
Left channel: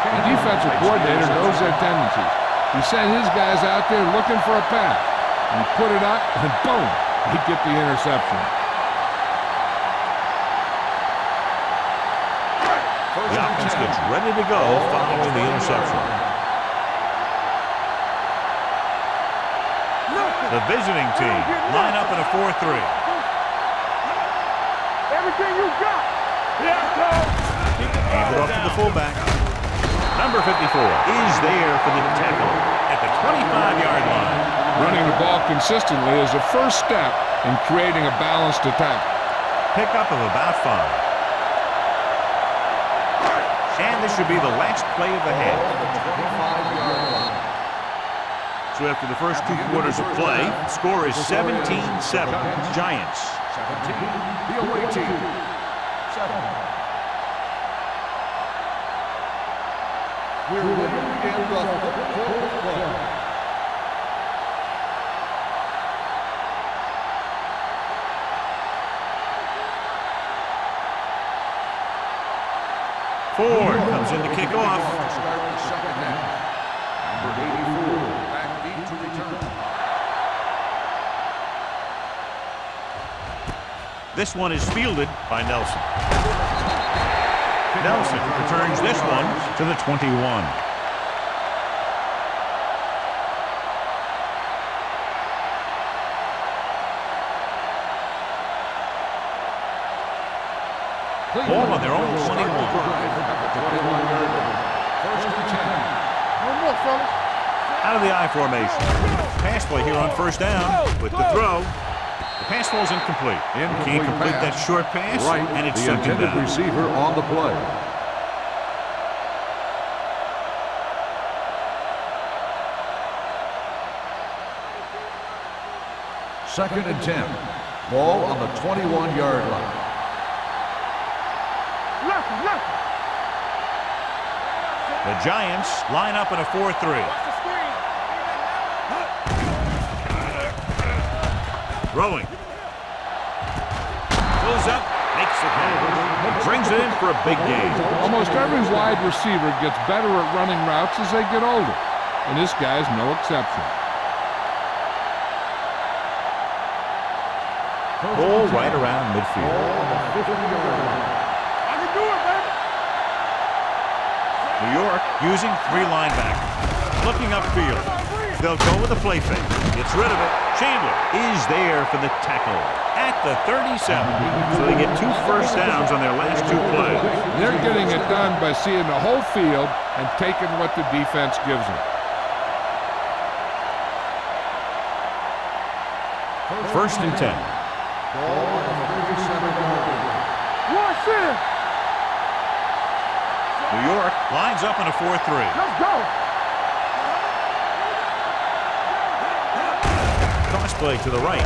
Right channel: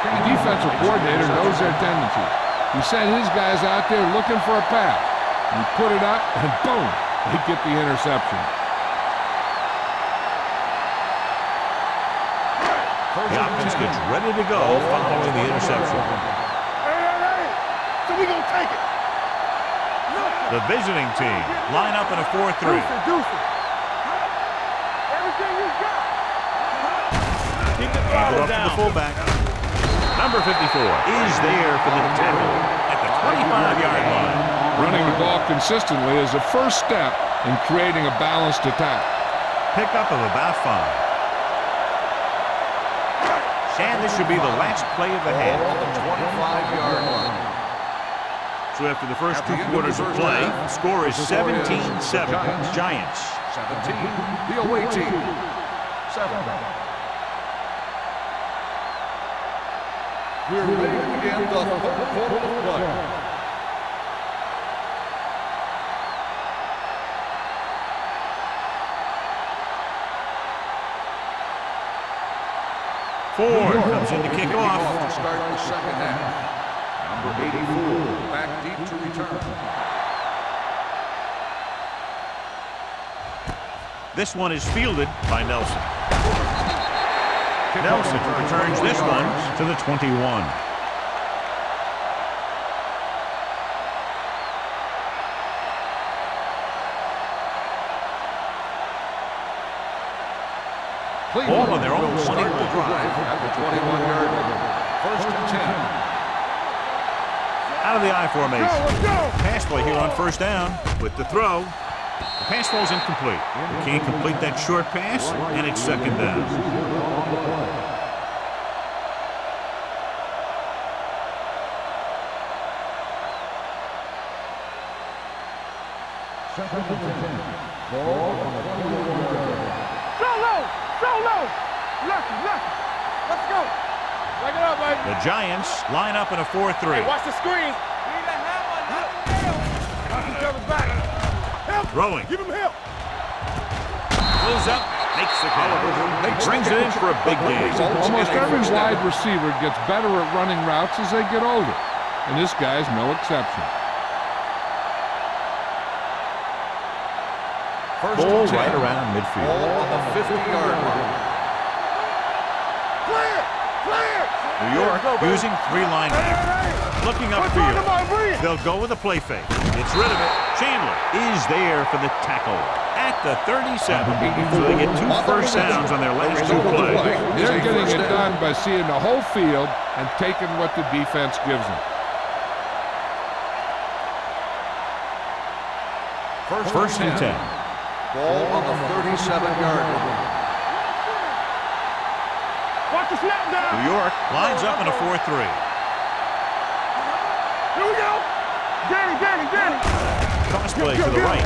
The defensive coordinator knows their tendencies. He sent his guys out there looking for a pass. He put it up, and boom, they get the interception. The offense gets ready to go following the interception. So we gonna take it. The visiting team line up in a 4-3. Everything you got. Hand it off to the fullback. Number 54 is there for the tackle at the 25-yard line. Running the ball consistently is the first step in creating a balanced attack. Pickup of about 5. And this should be the last play of the half. On the 25-yard line. So after the first 2 quarters of play, the score is 17-7. Giants. 17, the away team. 7. We're ready to begin the 3rd quarter of play. Ford comes in to kick off. To start the second half. Number 84, back deep to return. This one is fielded by Nelson. Nelson returns this one to the 21. Ball on their own 21. At the 21-yard line. First and 10. Out of the I formation. Pass play here on first down with the throw. The pass ball's incomplete. You can't complete that short pass, and it's second down. Receiver on the play. Second and 10. Ball on the 21-yard line. Let's go. Break it up, baby. The Giants line up in a 4-3. Hey, watch the screen. Throwing. Pulls up, makes the catch. He brings it in for a big gain. Almost every wide receiver gets better at running routes as they get older, and this guy's no exception. Ball right around midfield. New York using 3 linebackers. Looking upfield. They'll go with a play fake. Gets rid of it. Chandler is there for the tackle at the 37. So they get 2 first downs on their last 2 plays. They're getting it done by seeing the whole field and taking what the defense gives them. First and 10. Ball on the 37-yard line. New York lines up in a 4-3. Toss play to the right.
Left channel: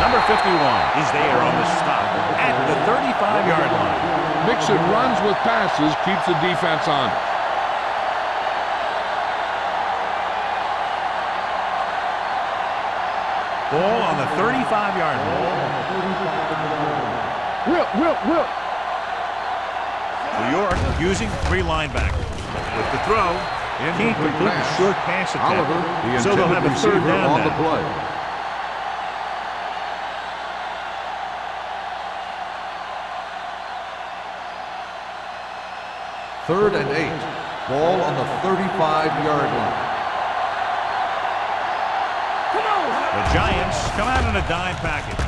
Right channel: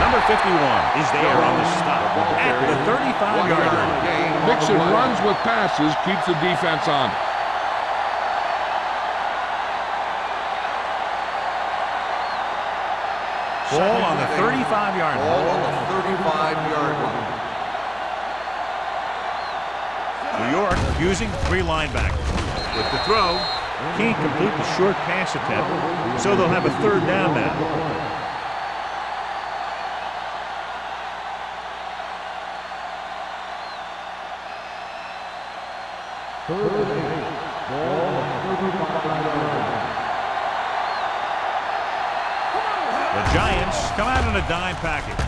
Number 51 is there on the stop at the 35-yard line. Mixing runs with passes keeps the defense honest. Ball on the 35-yard line. New York using 3 linebackers. With the throw, can't complete the short pass attempt, so they'll have a 3rd down now. Third and 8. Ball on the 35-yard line. The Giants come out in a dime package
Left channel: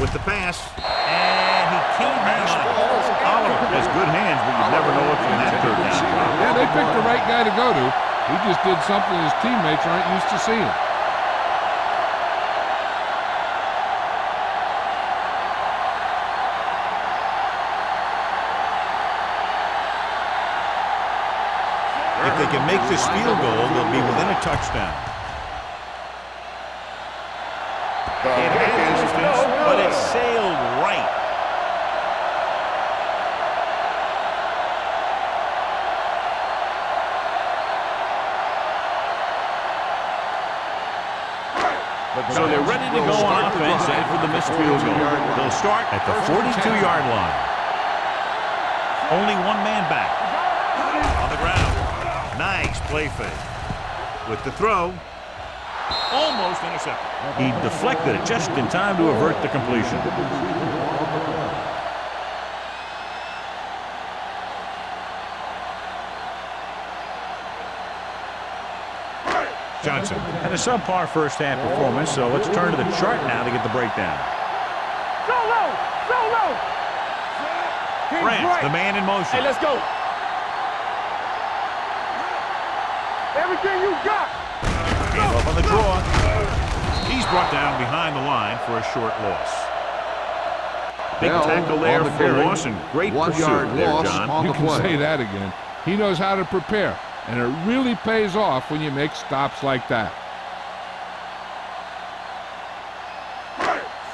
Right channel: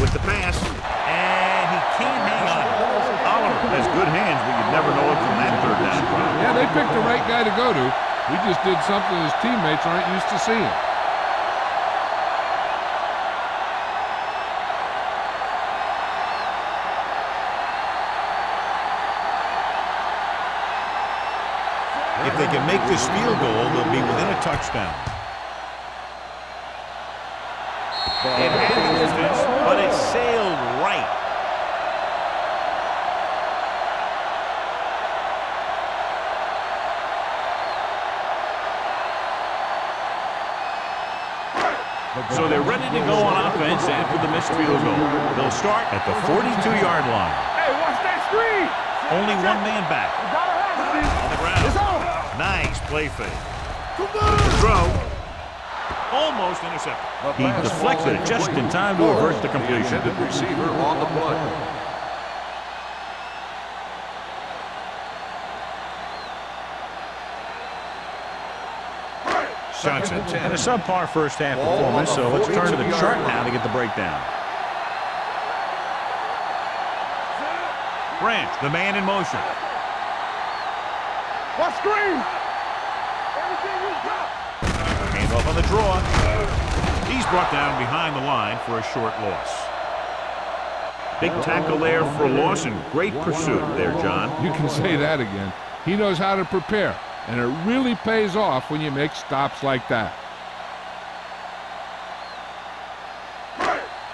with the pass, and he can't hang on. Oliver has good hands, but you'd never know it from that 3rd down drop. Yeah, they picked the right guy to go to. He just did something his teammates aren't used to seeing. If they can make this field goal, they'll be within a touchdown. It had distance, but it sailed right. So they're ready to go on offense after the missed field goal. They'll start at the 42-yard line. Only 1 man back. On the ground. Nice play fake. With the throw. Almost intercepted. He deflected it just in time to avert the completion. Receiver on the play. Johnson had a subpar first half performance, so let's turn to the chart now to get the breakdown. Branch, the man in motion. Let's go. What screen? Everything you got. Hand off on the draw. He's brought down behind the line for a short loss. Big tackle there for Lawson. Great pursuit there, John. You can say that again. He knows how to prepare, and it really pays off when you make stops like that.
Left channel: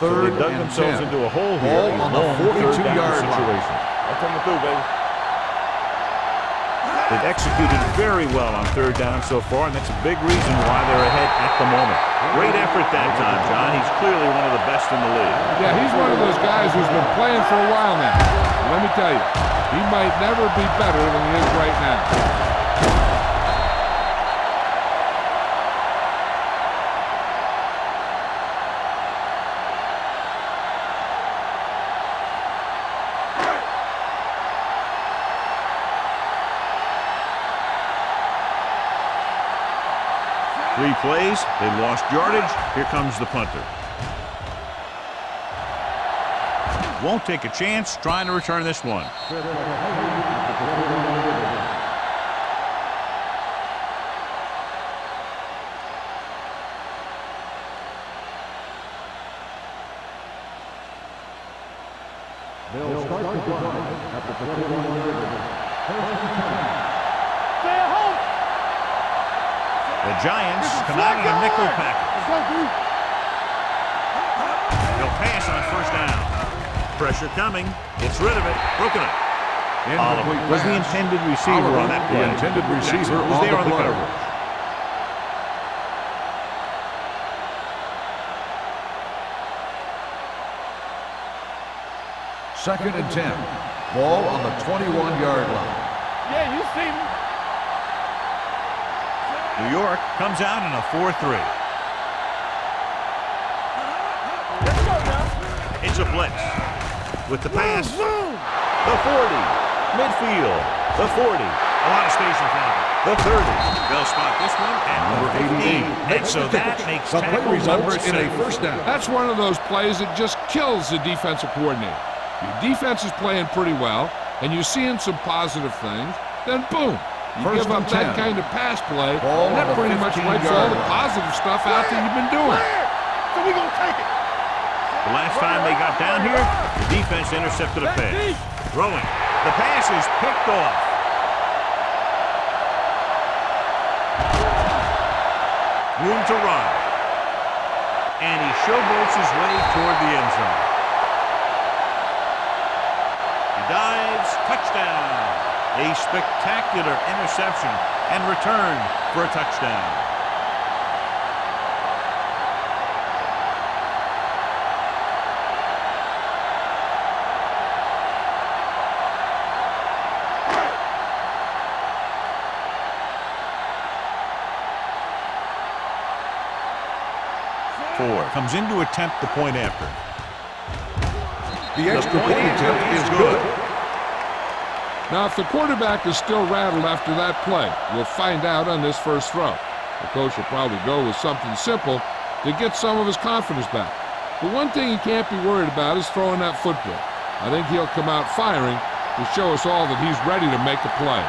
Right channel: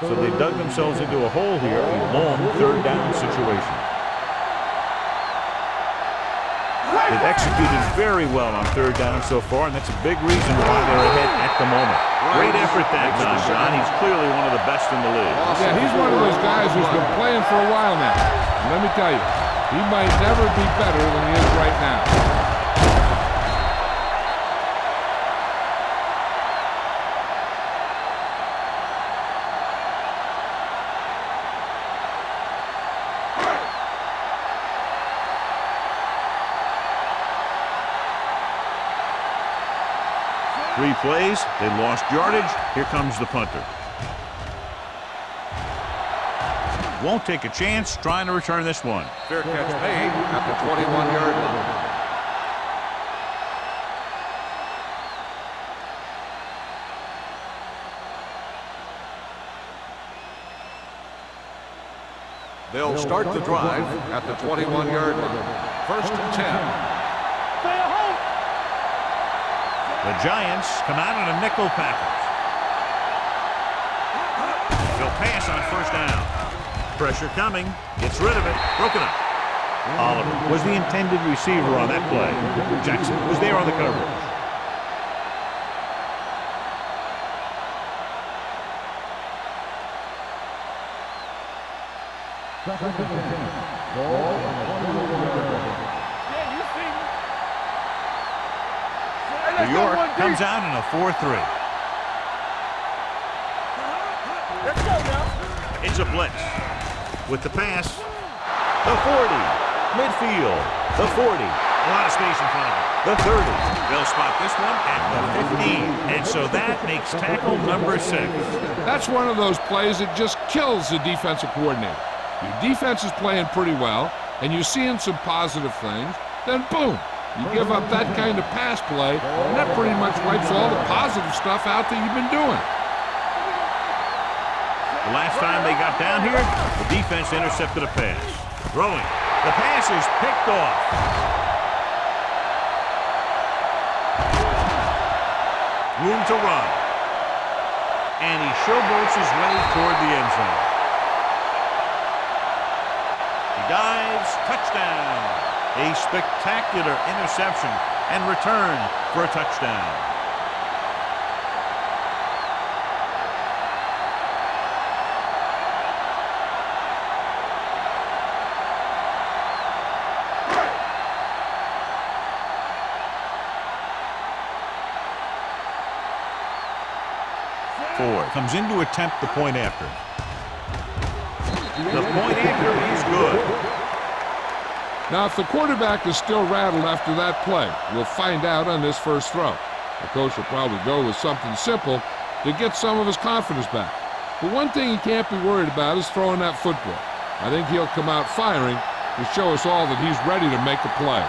So they dug themselves into a hole here. A long 3rd down situation. They've executed very well on third down so far, and that's a big reason why they're ahead at the moment. Great effort that time, John. He's clearly one of the best in the league. Yeah, he's one of those guys who's been playing for a while now. And let me tell you, he might never be better than he is right now. Three plays, they lost yardage. Here comes the punter. Won't take a chance trying to return this one. Fair catch made at the 21-yard line. They'll start the drive at the 21-yard line. 1st and 10. Stay at home. The Giants come out in a nickel package. They'll pass on 1st down. Pressure coming. Gets rid of it. Broken up. Oliver was the intended receiver on that play. Jackson was there on the coverage. Second and 10. Ball on the 21-yard line. Yeah, you see me. New York comes out in a 4-3. Let's go now. It's a blitz. With the pass, the 40. Midfield, the 40. A lot of space in front of it. The 30. They'll spot this one at the 15. And so that makes tackle number 6. That's one of those plays that just kills the defensive coordinator. Your defense is playing pretty well, and you're seeing some positive things, then boom, you give up that kind of pass play, and that pretty much wipes all the positive stuff out that you've been doing. The last time they got down here, the defense intercepted a pass. Throwing. The pass is picked off. Room to run. And he showboats his way toward the end zone. He dives. Touchdown. A spectacular interception and return for a touchdown. Ford comes in to attempt the point after. The point after is good. Now, if the quarterback is still rattled after that play, we'll find out on this first throw. The coach will probably go with something simple to get some of his confidence back. But one thing he can't be worried about is throwing that football. I think he'll come out firing to show us all that he's ready to make a play.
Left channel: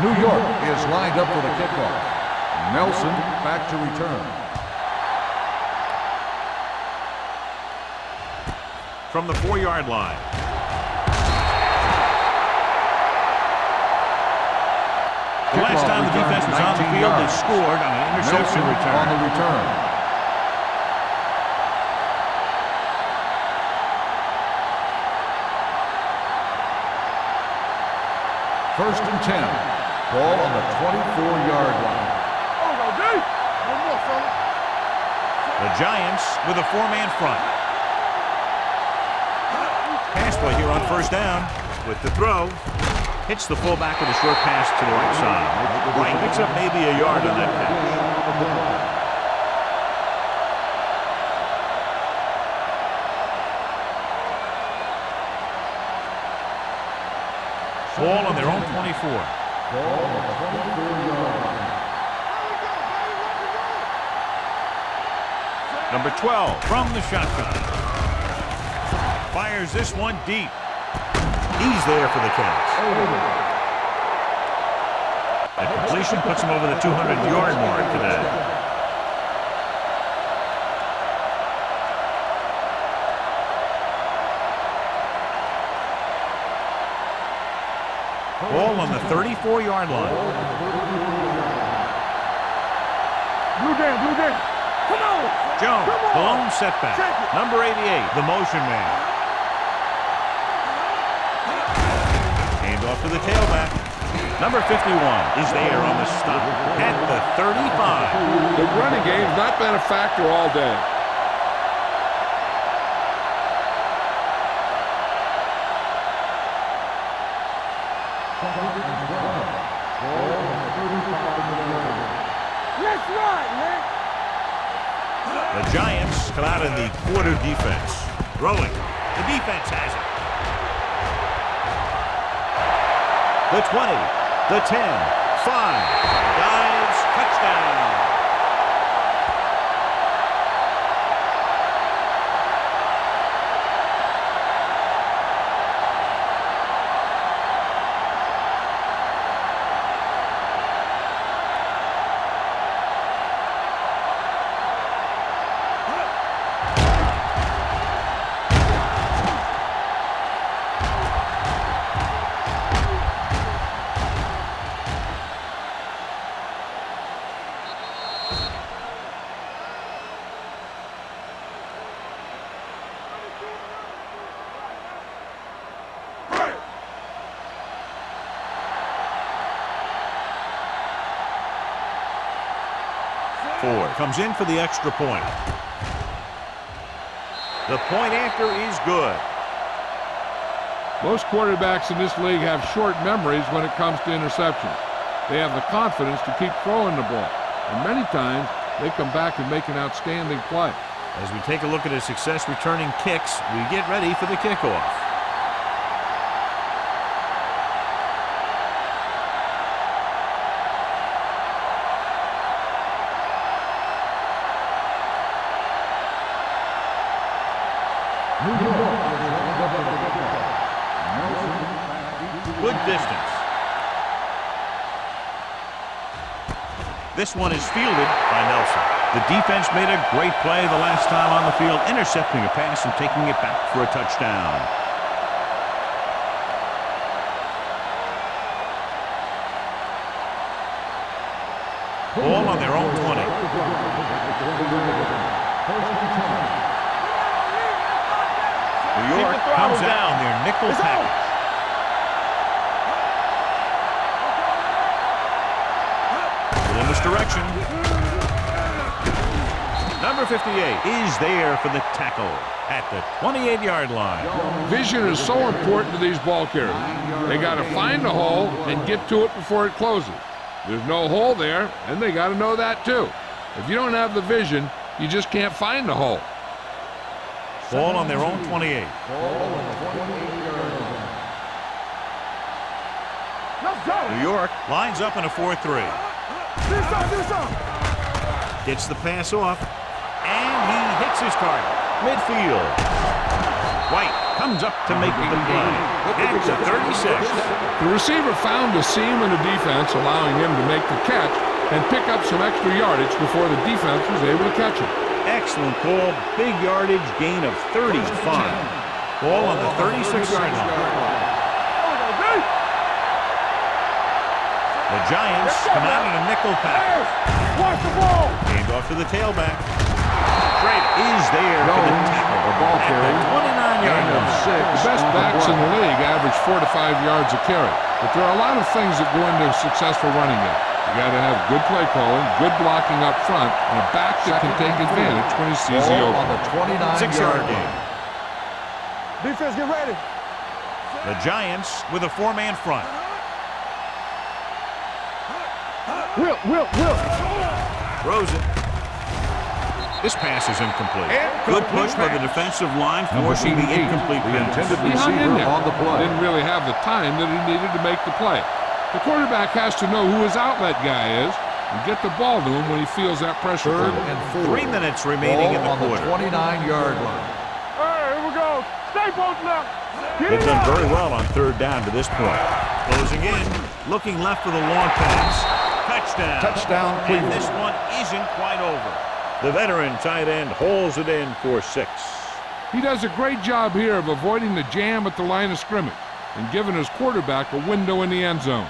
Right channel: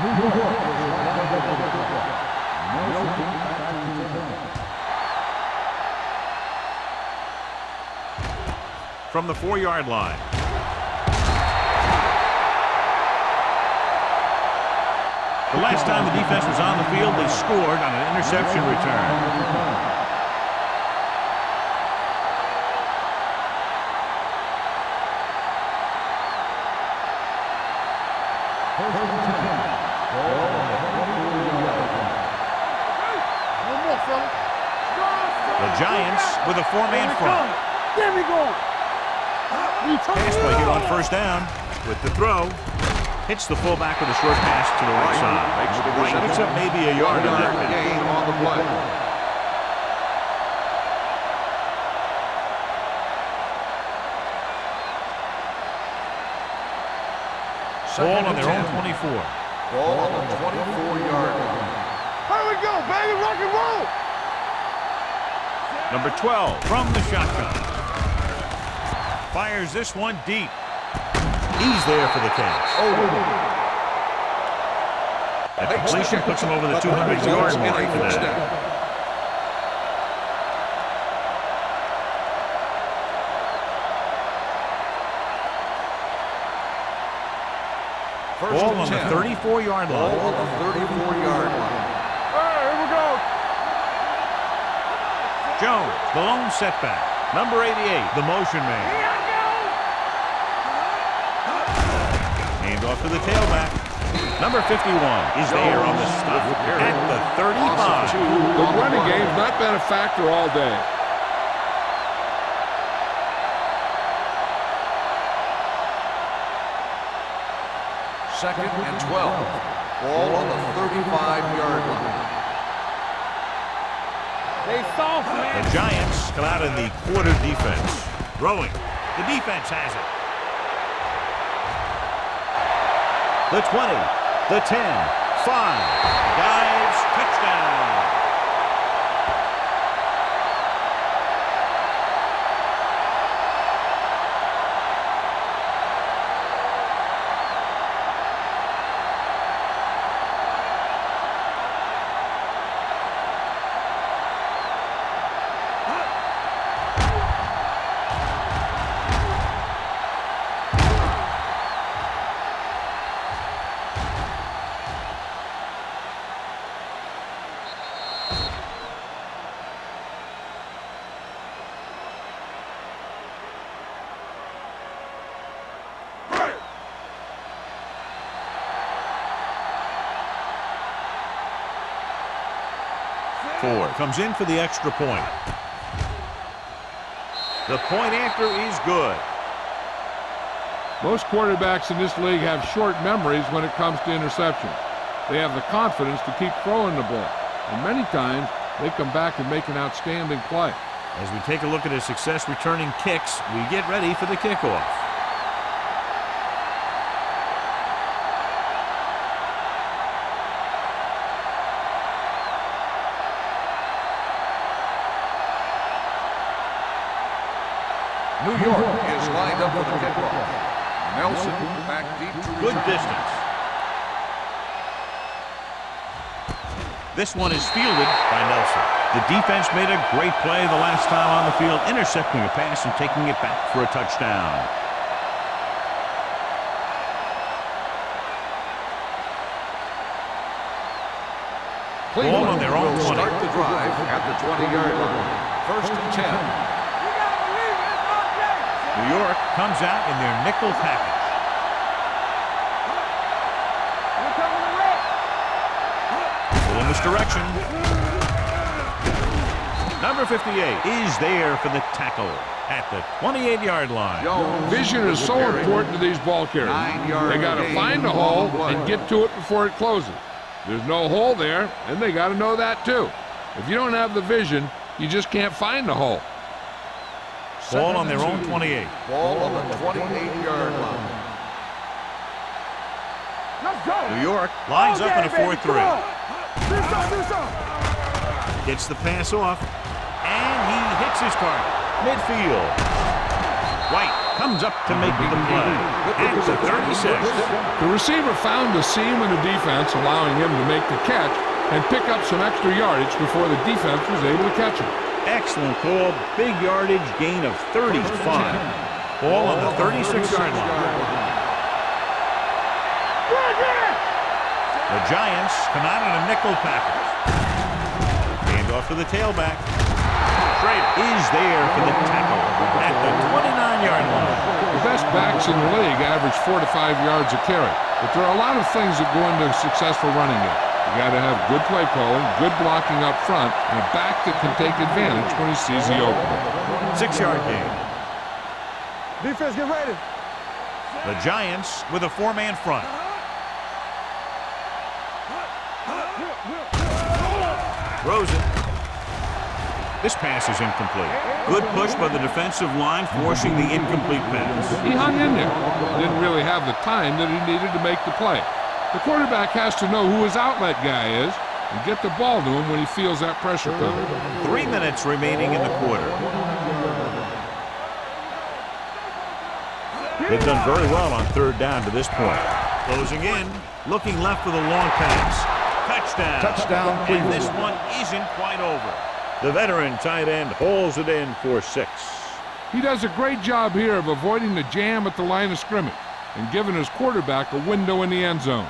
New York is lined up for the kickoff. Nelson back to return. From the 4-yard line. The last time the defense was on the field, they scored on an interception return. First and 10. Ball on the 24-yard line. No more, fellas. The Giants with a 4-man front. There we go. Pass play here on 1st down. With the throw. Hits the fullback with a short pass to the right side. Right picks up maybe a yard on that catch. Ball on their own 24. Ball on the 24-yard line. Here we go, baby. Rock and roll. Number 12 from the shotgun. Fires this one deep. He's there for the catch. That completion puts him over the 200-yard mark today. Ball on the 34-yard line. Ball on the 34-yard line. Jones, the lone setback. Number 88, the motion man. Hand off to the tailback. Number 51 is there on the stop at the 35. The running game's not been a factor all day. Second and 12. Ball on the 35-yard line. Let's run, man. They saw The Giants come out in the quarter defense. Throwing. The defense has it. The 20, the 10, 5. Dives, touchdown. Ford comes in for the extra point. The point after is good. Most quarterbacks in this league have short memories when it comes to interceptions. They have the confidence to keep throwing the ball, and many times they come back and make an outstanding play. As we take a look at his success returning kicks, we get ready for the kickoff. New York is lined up for the kickoff. Nelson back deep to Good distance. This one is fielded by Nelson. The defense made a great play the last time on the field, intercepting a pass and taking it back for a touchdown. Ball on their own 20. the drive at the 20-yard line. First and 10. You gotta believe it. It's all day. New York comes out in their nickel package. We're coming to win. Pull in this direction. Number 58 is there for the tackle at the 28-yard line. Vision is so important to these ball carriers. They got to find the hole and get to it before it closes. There's no hole there, and they got to know that too. If you don't have the vision, you just can't find the hole. Ball on their own 28. Ball on the 28-yard line. Let's go. New York lines up in a 4-3. Do something. Gets the pass off, and he hits his target. Midfield. White comes up to make the play at the 36. The receiver found a seam in the defense, allowing him to make the catch and pick up some extra yardage before the defense was able to catch him. Excellent call. Big yardage, gain of 35. Ball on the 36-yard line. The Giants come out in a nickel package. Hand off to the tailback. Schrader is there for the tackle at the 29-yard line. The best backs in the league average 4 to 5 yards a carry, but there are a lot of things that go into a successful running game. You got to have good play calling, good blocking up front, and a back that can take advantage when he sees the opening. 6-yard gain. Defense, get ready. The Giants with a 4-man front. Throws it. This pass is incomplete. Good push by the defensive line, forcing the incomplete pass. He hung in there. Didn't really have the time that he needed to make the play. The quarterback has to know who his outlet guy is and get the ball to him when he feels that pressure coming. 3 minutes remaining in the quarter. 29-yard line. All right, here we go. Stay both left. They've done very well on 3rd down to this point. Closing in, looking left for the long pass. Touchdown. Touchdown, And Cleveland. this one isn't quite over. The veteran tight end hauls it in for 6. He does a great job here of avoiding the jam at the line of scrimmage and giving his quarterback a window in the end zone.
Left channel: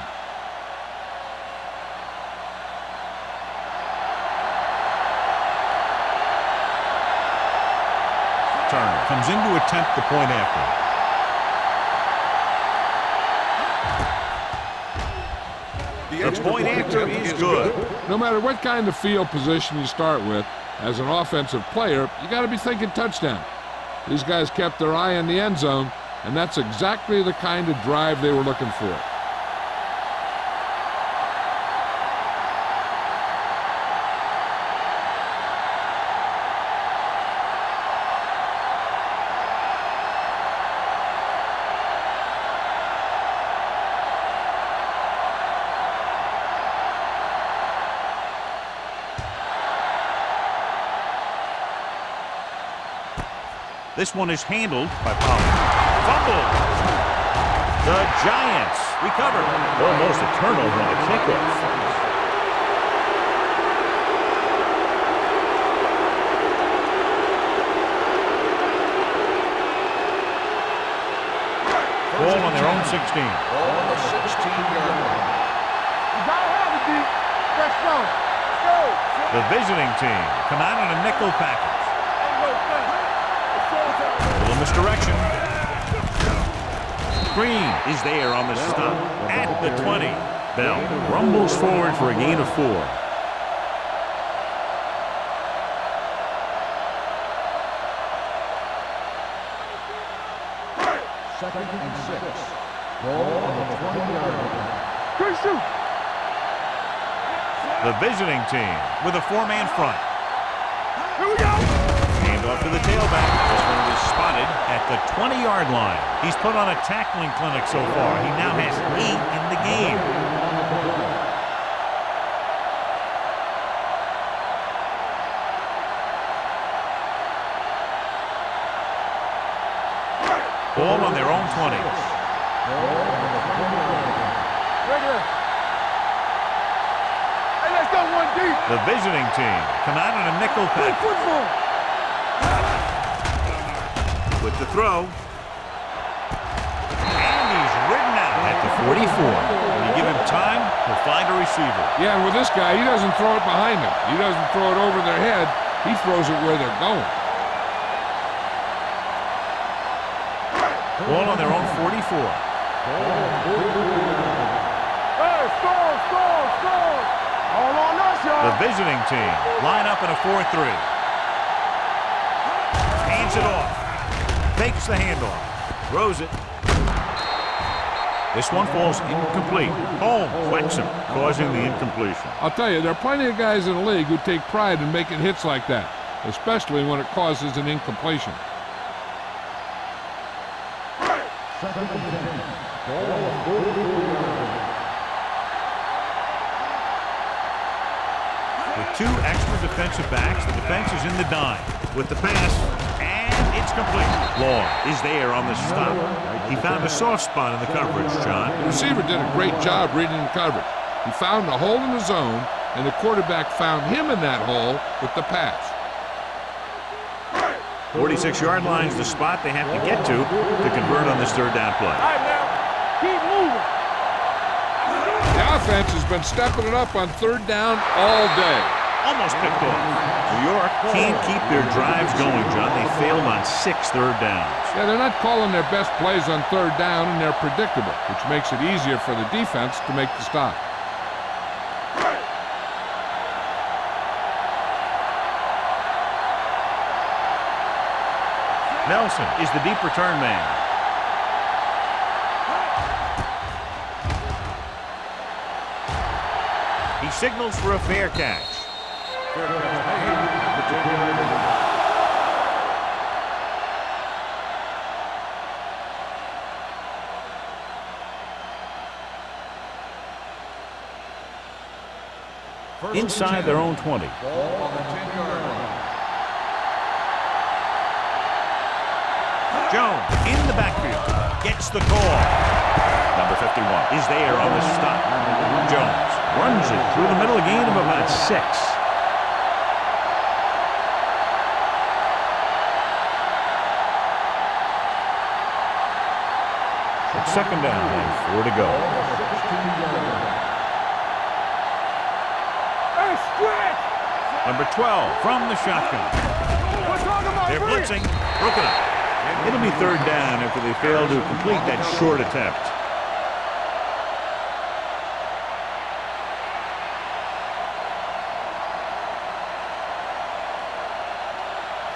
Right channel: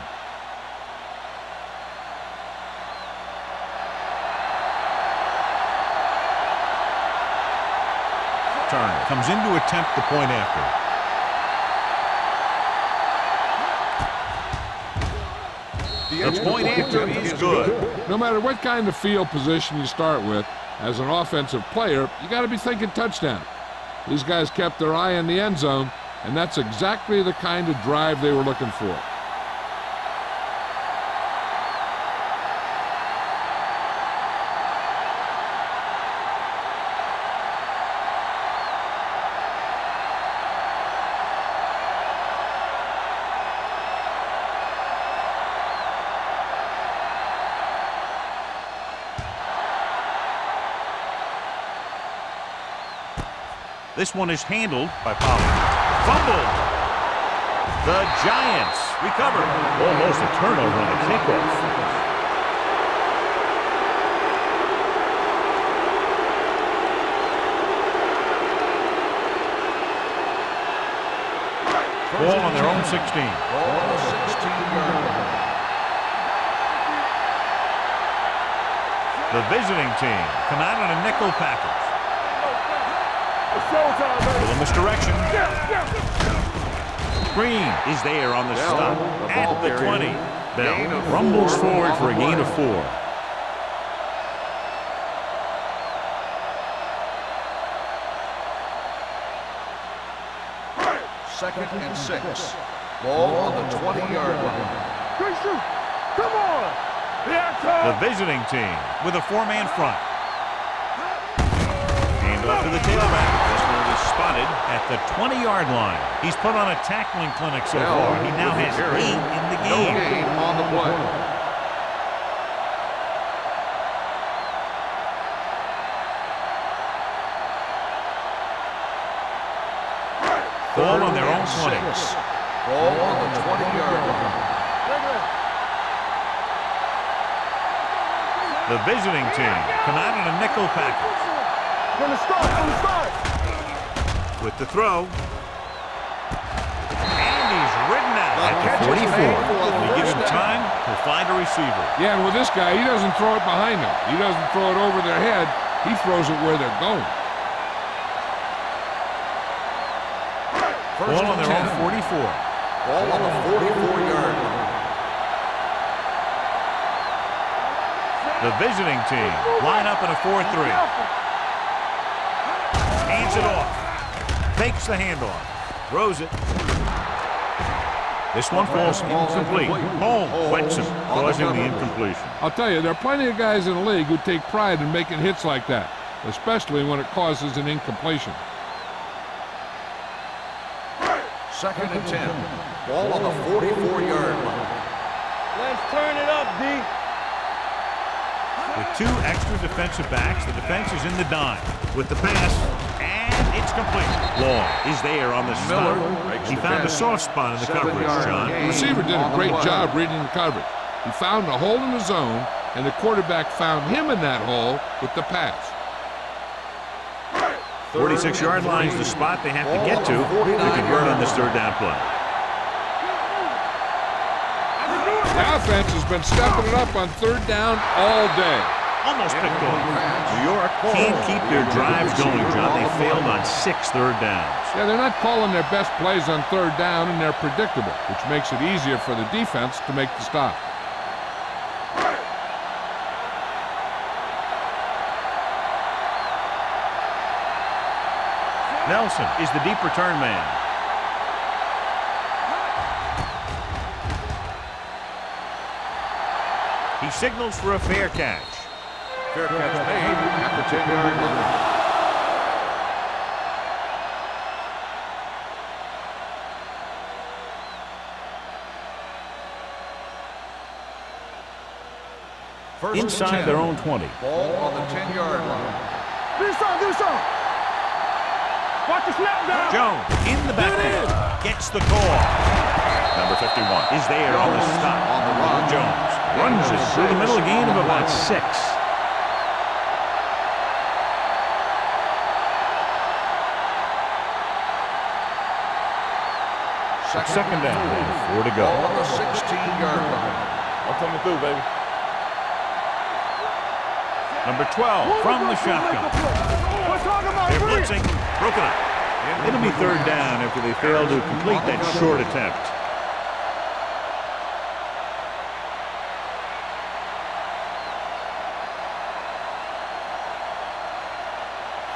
returner comes in to attempt the point after. The point after is good. No matter what kind of field position you start with, as an offensive player, you got to be thinking touchdown. These guys kept their eye on the end zone, and that's exactly the kind of drive they were looking for. This one is handled by Pollard. Fumbled. The Giants recover. Almost a turnover on the kickoff. Ball on their own 16. Ball on the 16-yard line. You gotta have it, D. Let's go. The visiting team come out in a nickel package. Ain't no thing. It's showtime, baby. Full misdirection. Green is there on the stop at the 20. Bell rumbles forward for a gain of 4. Second and 6. Ball on the 20-yard line. Good shoot. Come on. The visiting team with a 4-man front. Here we go. Hand off to the tailback. This one was spotted at the 20-yard line. He's put on a tackling clinic so far. He now has 8 in the No game. gain on the play. Ball on their own 20. Ball on the 20-yard line. Regular. Hey, let's go one deep. The visiting team come out in a nickel Play package football. Gonna start. with the throw. And he's ridden out at the 44. When you give him time, he'll find a receiver. Yeah, and with this guy, he doesn't throw it behind them. He doesn't throw it over their head. He throws it where they're going. Ball on their own 44. Ball on the 44-yard line. Hey, stall. All on us. The visiting team line up in a 4-3. Hands it off. Fakes the handoff. Throws it. This one falls incomplete. Holmes whacks him, causing the incompletion. I'll tell you, there are plenty of guys in the league who take pride in making hits like that, especially when it causes an incompletion. Second and 10. Ball on the 44-yard line. Let's turn it up, D. With 2 extra defensive backs, the defense is in the dime. With the pass, and it's complete. Long is there on the stop. He found a soft spot in the coverage, John. The receiver did a great job reading the coverage. He found a hole in the zone, and the quarterback found him in that hole with the pass. 46-yard line's the spot they have to get to convert on this 3rd down play. Keep moving. I can do it. The offense has been stepping it up on 3rd down all day. Almost picked off. New York can't keep their drives going, John. They failed on 6 third downs. Yeah, they're not calling their best plays on 3rd down, and they're predictable, which makes it easier for the defense to make the stop. Nelson is the deep return man. He signals for a fair catch. Fair catch made at the 10-yard line. First and Inside 10. their own 20. Ball on the 10-yard line. Do something. Watch the snap. Jones in the backfield. Gets the call. Number 51 is there on the stop. Jones runs it through the middle, a gain of about 6. Second down and 4 to go. On the 16-yard line. I'm coming through, baby. Hey, split. Number 12 from the shotgun. We're talking about They're free. blitzing. Broken up. It'll be third down after they fail to complete that short attempt.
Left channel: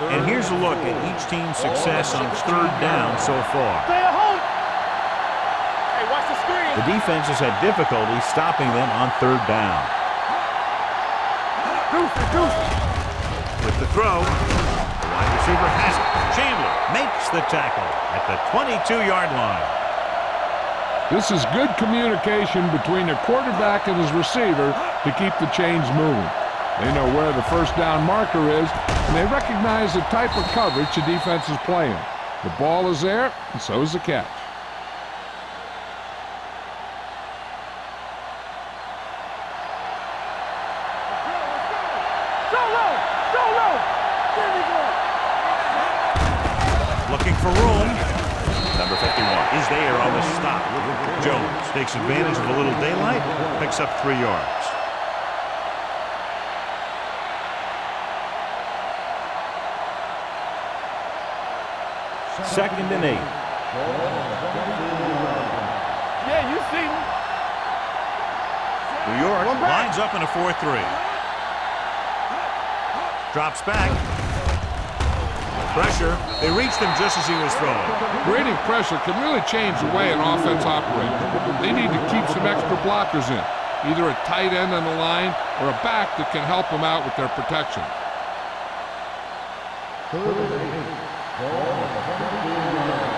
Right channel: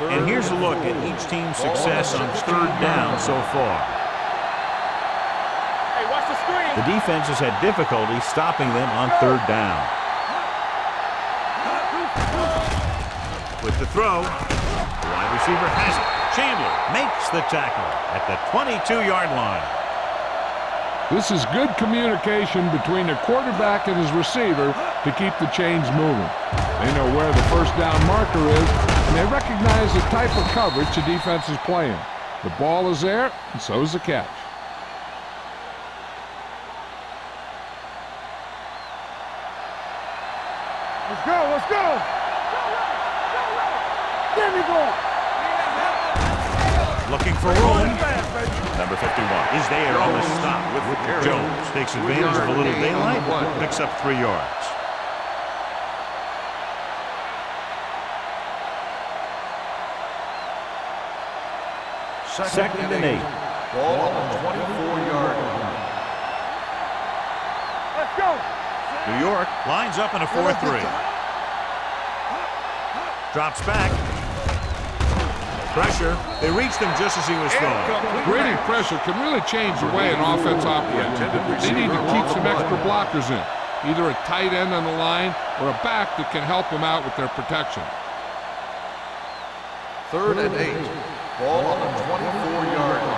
And here's a look at each team's success on third down so far. Hey, watch the screen. The defense has had difficulty stopping them on third down. With the throw, the wide receiver has it. Chandler makes the tackle at the 22-yard line. This is good communication between the quarterback and his receiver to keep the chains moving. They know where the first down marker is, and they recognize the type of coverage the defense is playing. The ball is there, and so is the catch. Let's go, let's go. Solo, solo. There we go. Looking for room. Number 51 is there on the stop. Jones takes advantage of a little daylight, picks up 3 yards. Second and 8. Ball on the 24-yard line. Yeah, you see me. Let's go. New York lines up in a 4-3. Drops back. Pressure. They reached him just as he was throwing. Grading pressure can really change the way an offense operates. They need to keep some extra blockers in, either a tight end on the line or a back that can help them out with their protection. Third and 8. Ball on the 24-yard line.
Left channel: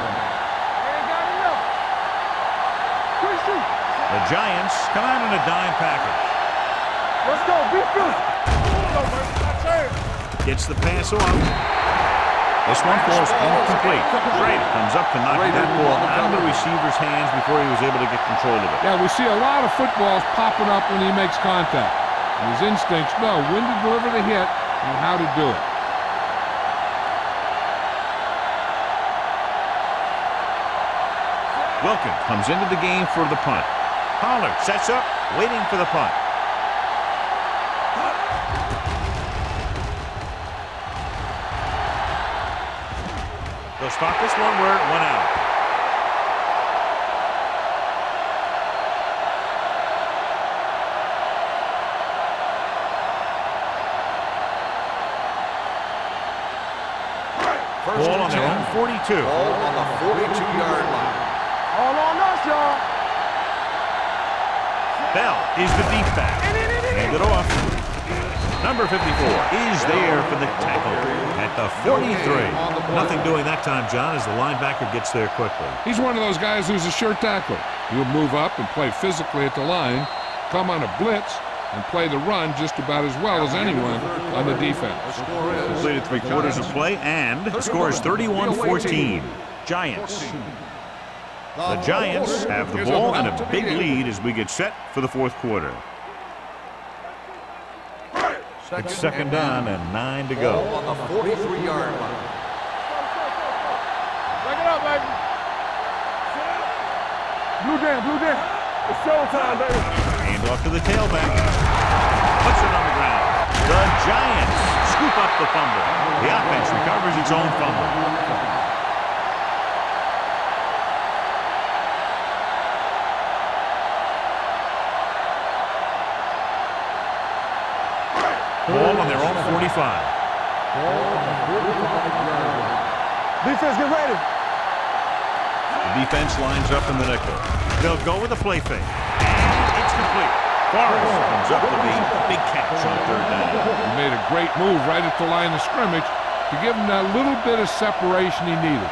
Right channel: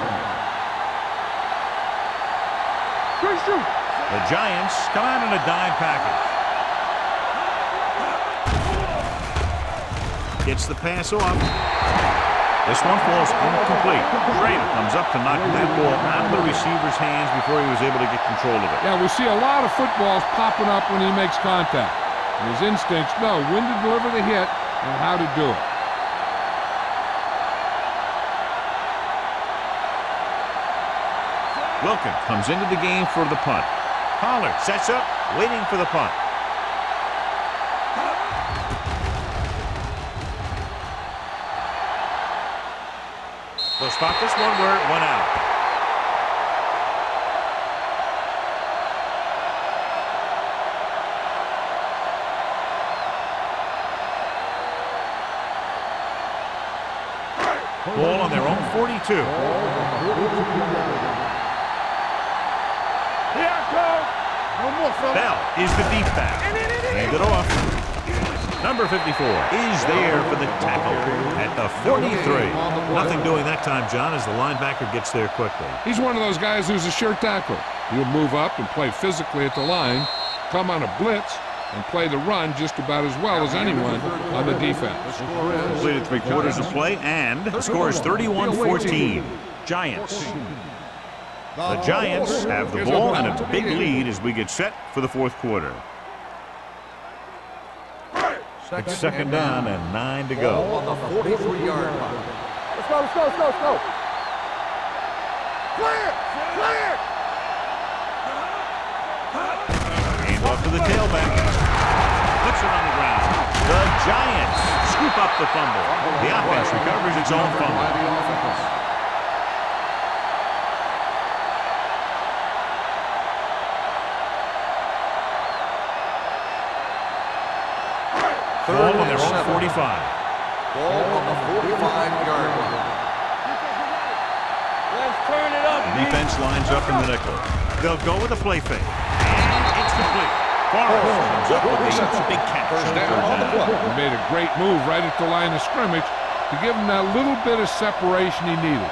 The Giants come out in a dime package. Let's go. Gets the pass off. This one falls incomplete. Schrader comes up to knock that ball out of the receiver's hands before he was able to get control of it. Yeah, we see a lot of footballs popping up when he makes contact. And his instincts know when to deliver the hit and how to do it. Wilkins comes into the game for the punt. Pollard sets up, waiting for the punt. They'll spot this one where it went out. Ball on their own 42. Ball on the 42-yard line. All on us, y'all. Yeah, Bell is the deep back. Hand it off. Number 54 is there for the tackle at the 43. Nothing doing that time, John, as the linebacker gets there quickly. He's one of those guys who's a sure tackler. He'll move up and play physically at the line, come on a blitz, and play the run just about as well as anyone on the defense. Completed 3/4 of play, and the score is 31-14. Giants. The Giants have the ball and a big lead as we get set for the fourth quarter. It's second down and 9 to go. Ball on the 43-yard line. Let's go. Back it up, baby. Clear. Blue game. It's showtime, baby. Hand off to the tailback. Puts it on the ground. The Giants scoop up the fumble. The offense recovers its own fumble. Ball on their own 45. Ball on the 45-yard line. Defense, get ready. Let's turn it up. The defense lines up in the nickel. They'll go with a play fake. And it's complete. Forrest comes up with a big catch on third down. He made a great move right at the line of scrimmage to give him that little bit of separation he needed.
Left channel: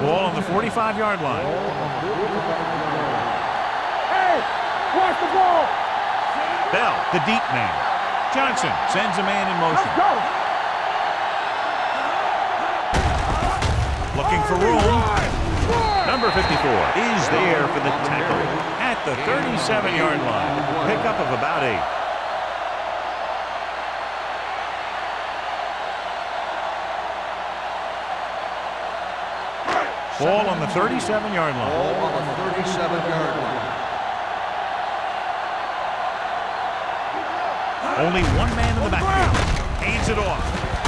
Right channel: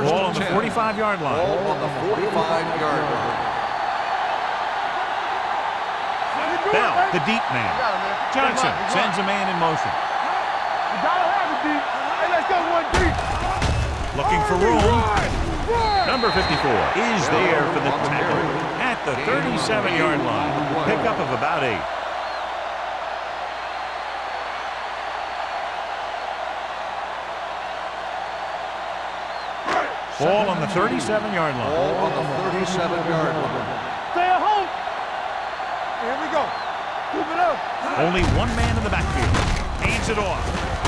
Ball on the 45-yard line. Ball on the 45-yard line. Bell, the deep man. Johnson sends a man in motion. Looking for room. Number 54 is there for the tackle at the 37-yard line. Pickup of about 8. Ball on the 37-yard line. Ball on the 37-yard line. Here we go. Keep it up. Only one man in the backfield. Hands it off.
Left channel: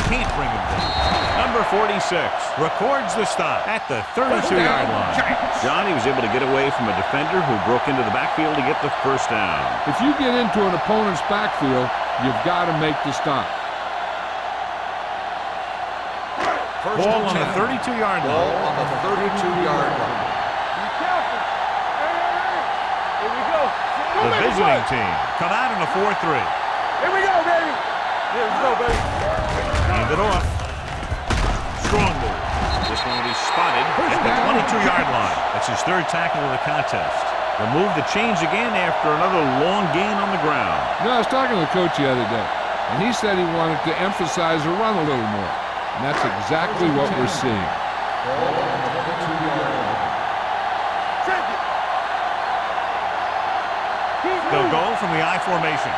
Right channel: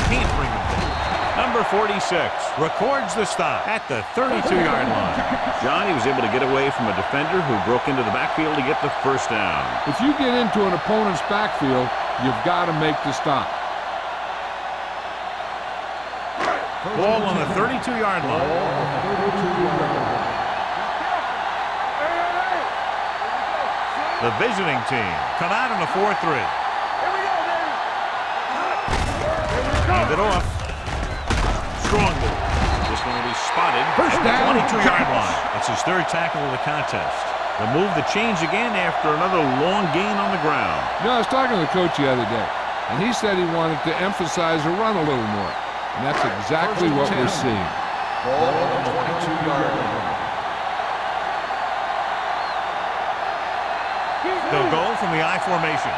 Can't bring him down. Number 46 records the stop at the 32-yard line. John, he was able to get away from a defender who broke into the backfield to get the first down. If you get into an opponent's backfield, you've got to make the stop. Ball on the 32-yard line. Ball on the 32-yard line. Be careful. Hey. Here we go. The visiting team come out in a 4-3. Here we go, baby. Here we go, baby. Hand it off. Strong move. This one will be spotted at the 22-yard line. That's his third tackle of the contest. The move to change again after another long gain on the ground. You know, I was talking to the coach the other day, and he said he wanted to emphasize the run a little more. And that's exactly what we're seeing. Ball on the 22-yard line. They'll go from the I formation.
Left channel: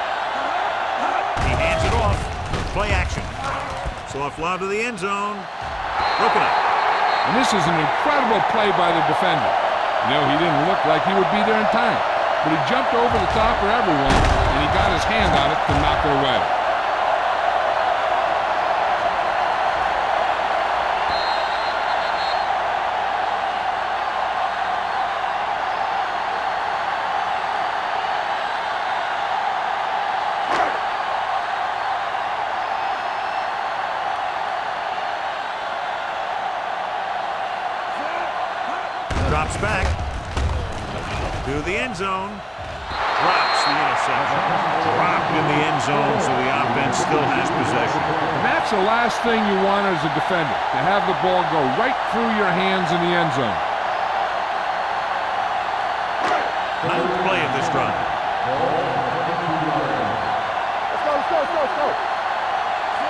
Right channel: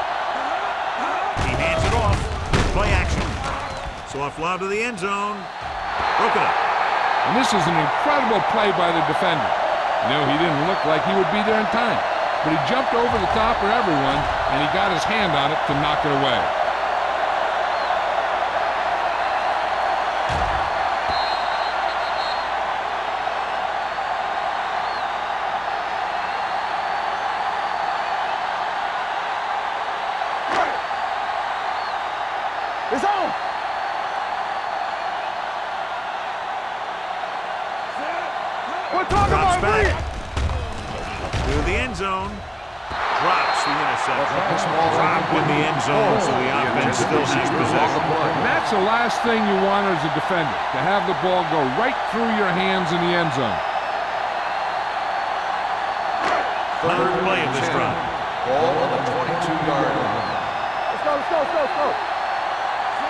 He hands it off. Play action. Soft lob to the end zone. Broken up. And this is an incredible play by the defender. You know, he didn't look like he would be there in time, but he jumped over the top of everyone, and he got his hand on it to knock it away. It's on. Drops back to the end zone. Drops the interception. Dropped in the end zone, so the offense still has possession. And that's the last thing you want as a defender, to have the ball go right through your hands in the end zone. Ninth play of this drive. Ball on the 22-yard line. Let's go.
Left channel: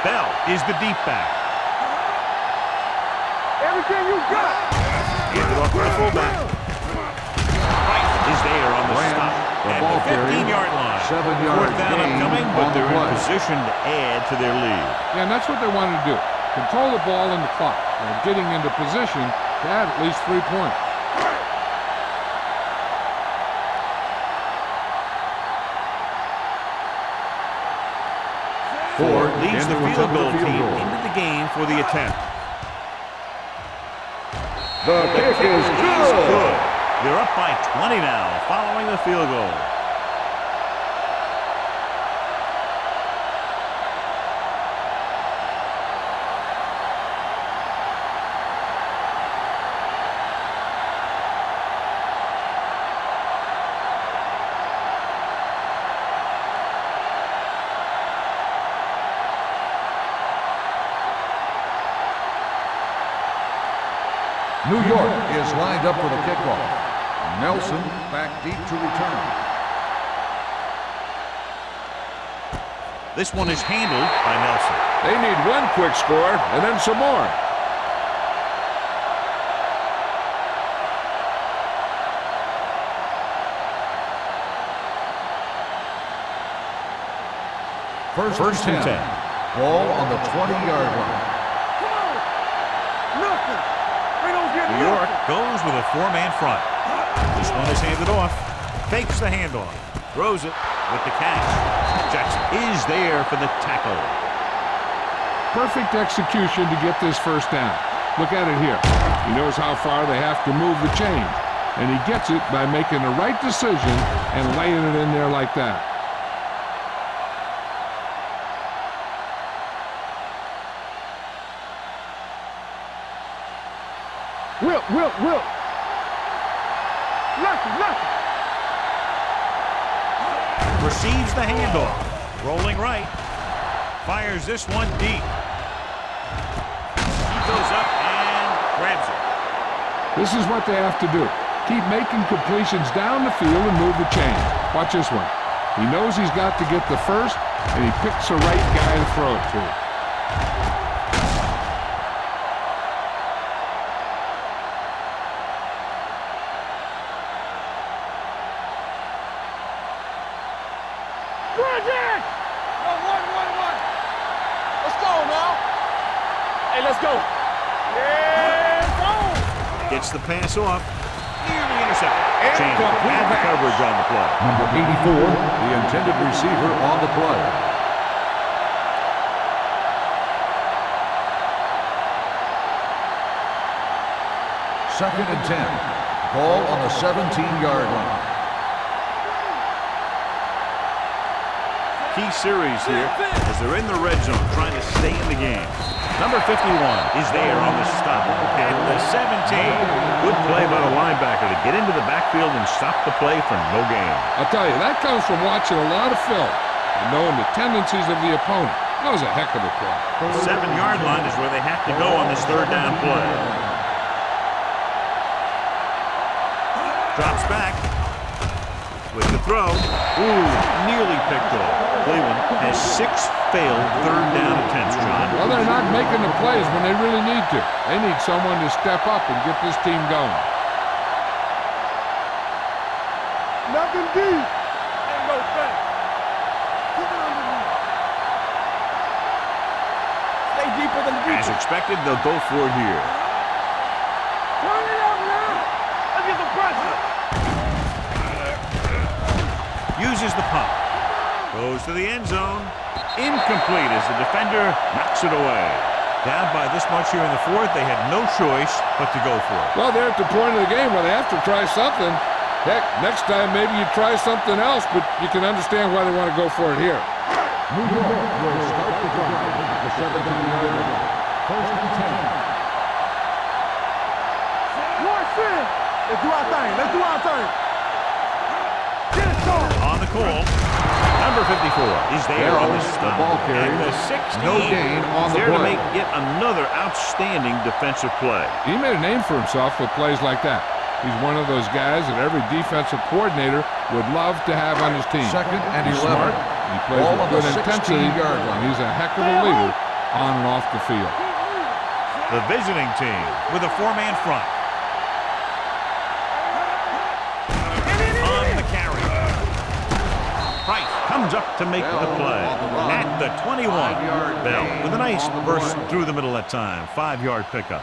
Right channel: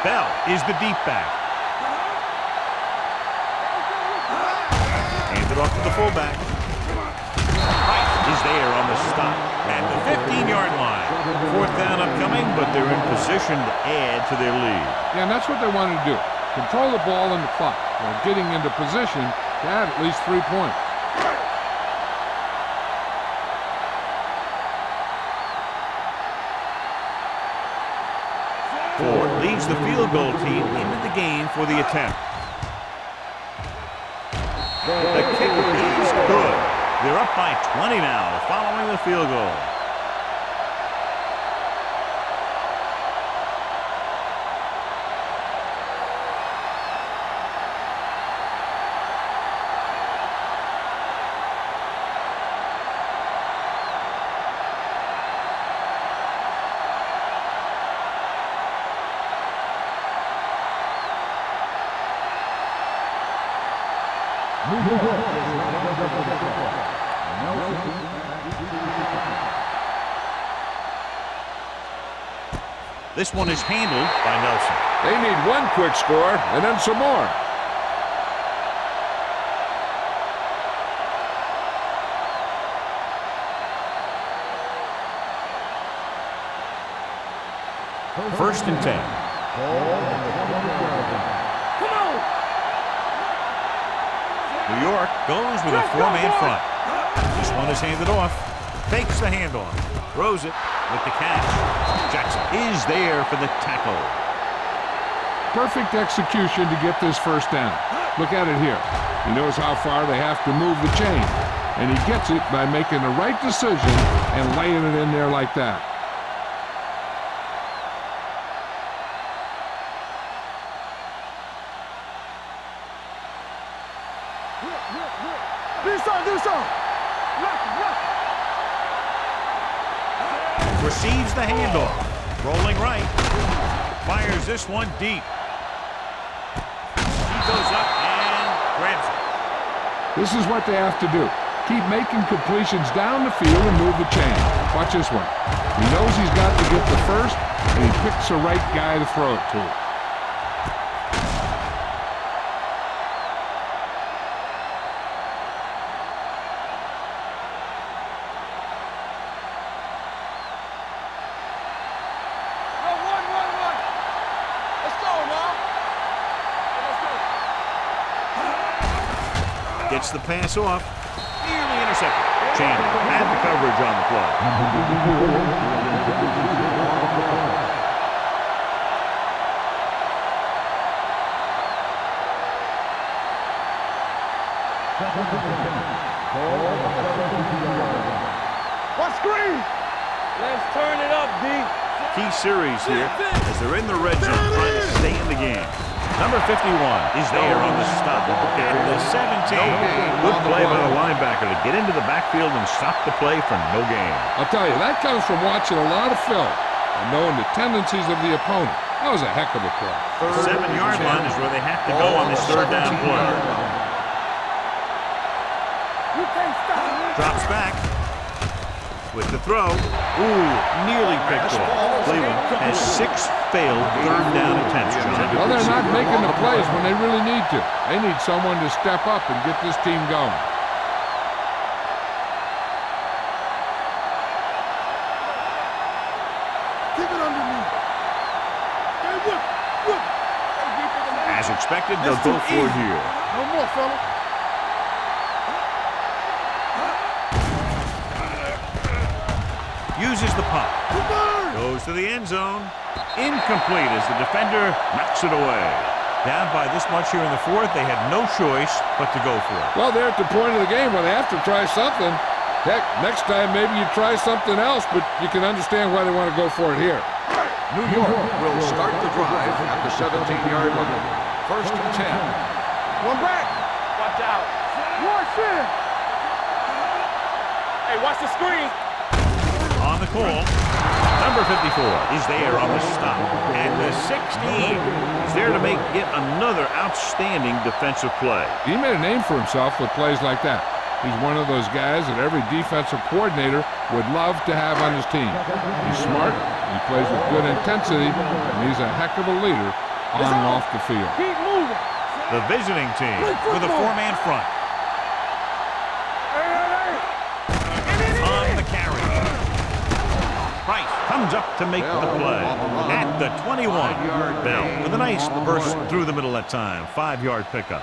Bell is the deep back. Everything you got. Handed off to the fullback. Wright is there on the stop at the 15-yard line. Fourth down upcoming, but they're in position to add to their lead. Yeah, and that's what they wanted to do. Control the ball and the clock while getting into position to add at least 3 points. Ford leads the field goal team into the game for the attempt. The kick is good. They're up by 20 now following the field goal. New York is lined up for the kickoff. Nelson back deep to return. This one is handled by Nelson. They need one quick score and then some more. First and 10. Ball on the 20-yard line. Come on. New York goes with a four-man front. This one is handed off. Fakes the handoff. Throws it with the catch. Jackson is there for the tackle. Perfect execution to get this first down. Look at it here. He knows how far they have to move the chain, and he gets it by making the right decision and laying it in there like that. Will. This on. Lefty. Receives the handoff. Rolling right. Fires this one deep. He goes up and grabs it. This is what they have to do. Keep making completions down the field and move the chain. Watch this one. He knows he's got to get the first, and he picks the right guy to throw it to. Gets the pass off. Nearly intercepted. Chandler had the coverage on the play. Number 84, the intended receiver on the play. Second and 10. Ball on the 17-yard line. Let's turn it up, D. Key series here as they're in the red zone trying to stay in the game. Number 51 is there on the stop at the 17. Good play by the linebacker to get into the backfield and stop the play for no gain. I'll tell you, that comes from watching a lot of film and knowing the tendencies of the opponent. That was a heck of a play. The 7-yard line is where they have to go on this third down play. Drops back with the throw. Ooh, nearly picked off. Cleveland has 6 failed third down attempts, John. Well, they're not making the plays when they really need to. They need someone to step up and get this team going. Nothing deep. Keep it underneath. Stay deeper than As expected, they'll go for it here. No more, fella. Turn it up now. Let's get the pressure. Uses the pump. Goes to the end zone. Incomplete as the defender knocks it away. Down by this much here in the fourth, they had no choice but to go for it. Well, they're at the point of the game where they have to try something. Heck, next time maybe you try something else, but you can understand why they want to go for it here. New York will start the drive at the 17-yard line. First and 10. Come back. Watch out. One sin. Let's do our thing. Let's do our thing. Hey, watch the screen. On the call, number 54 is there on the stop at the 16. He's there to make yet another outstanding defensive play. He made a name for himself with plays like that. He's one of those guys that every defensive coordinator would love to have on his team. He's smart, he plays with good intensity, and he's a heck of a leader on and off the field. Keep moving. The visiting team with a 4-man front. On the carry. Price comes up to make the play at the 21. Bell with a nice burst through the middle that time. 5-yard pickup.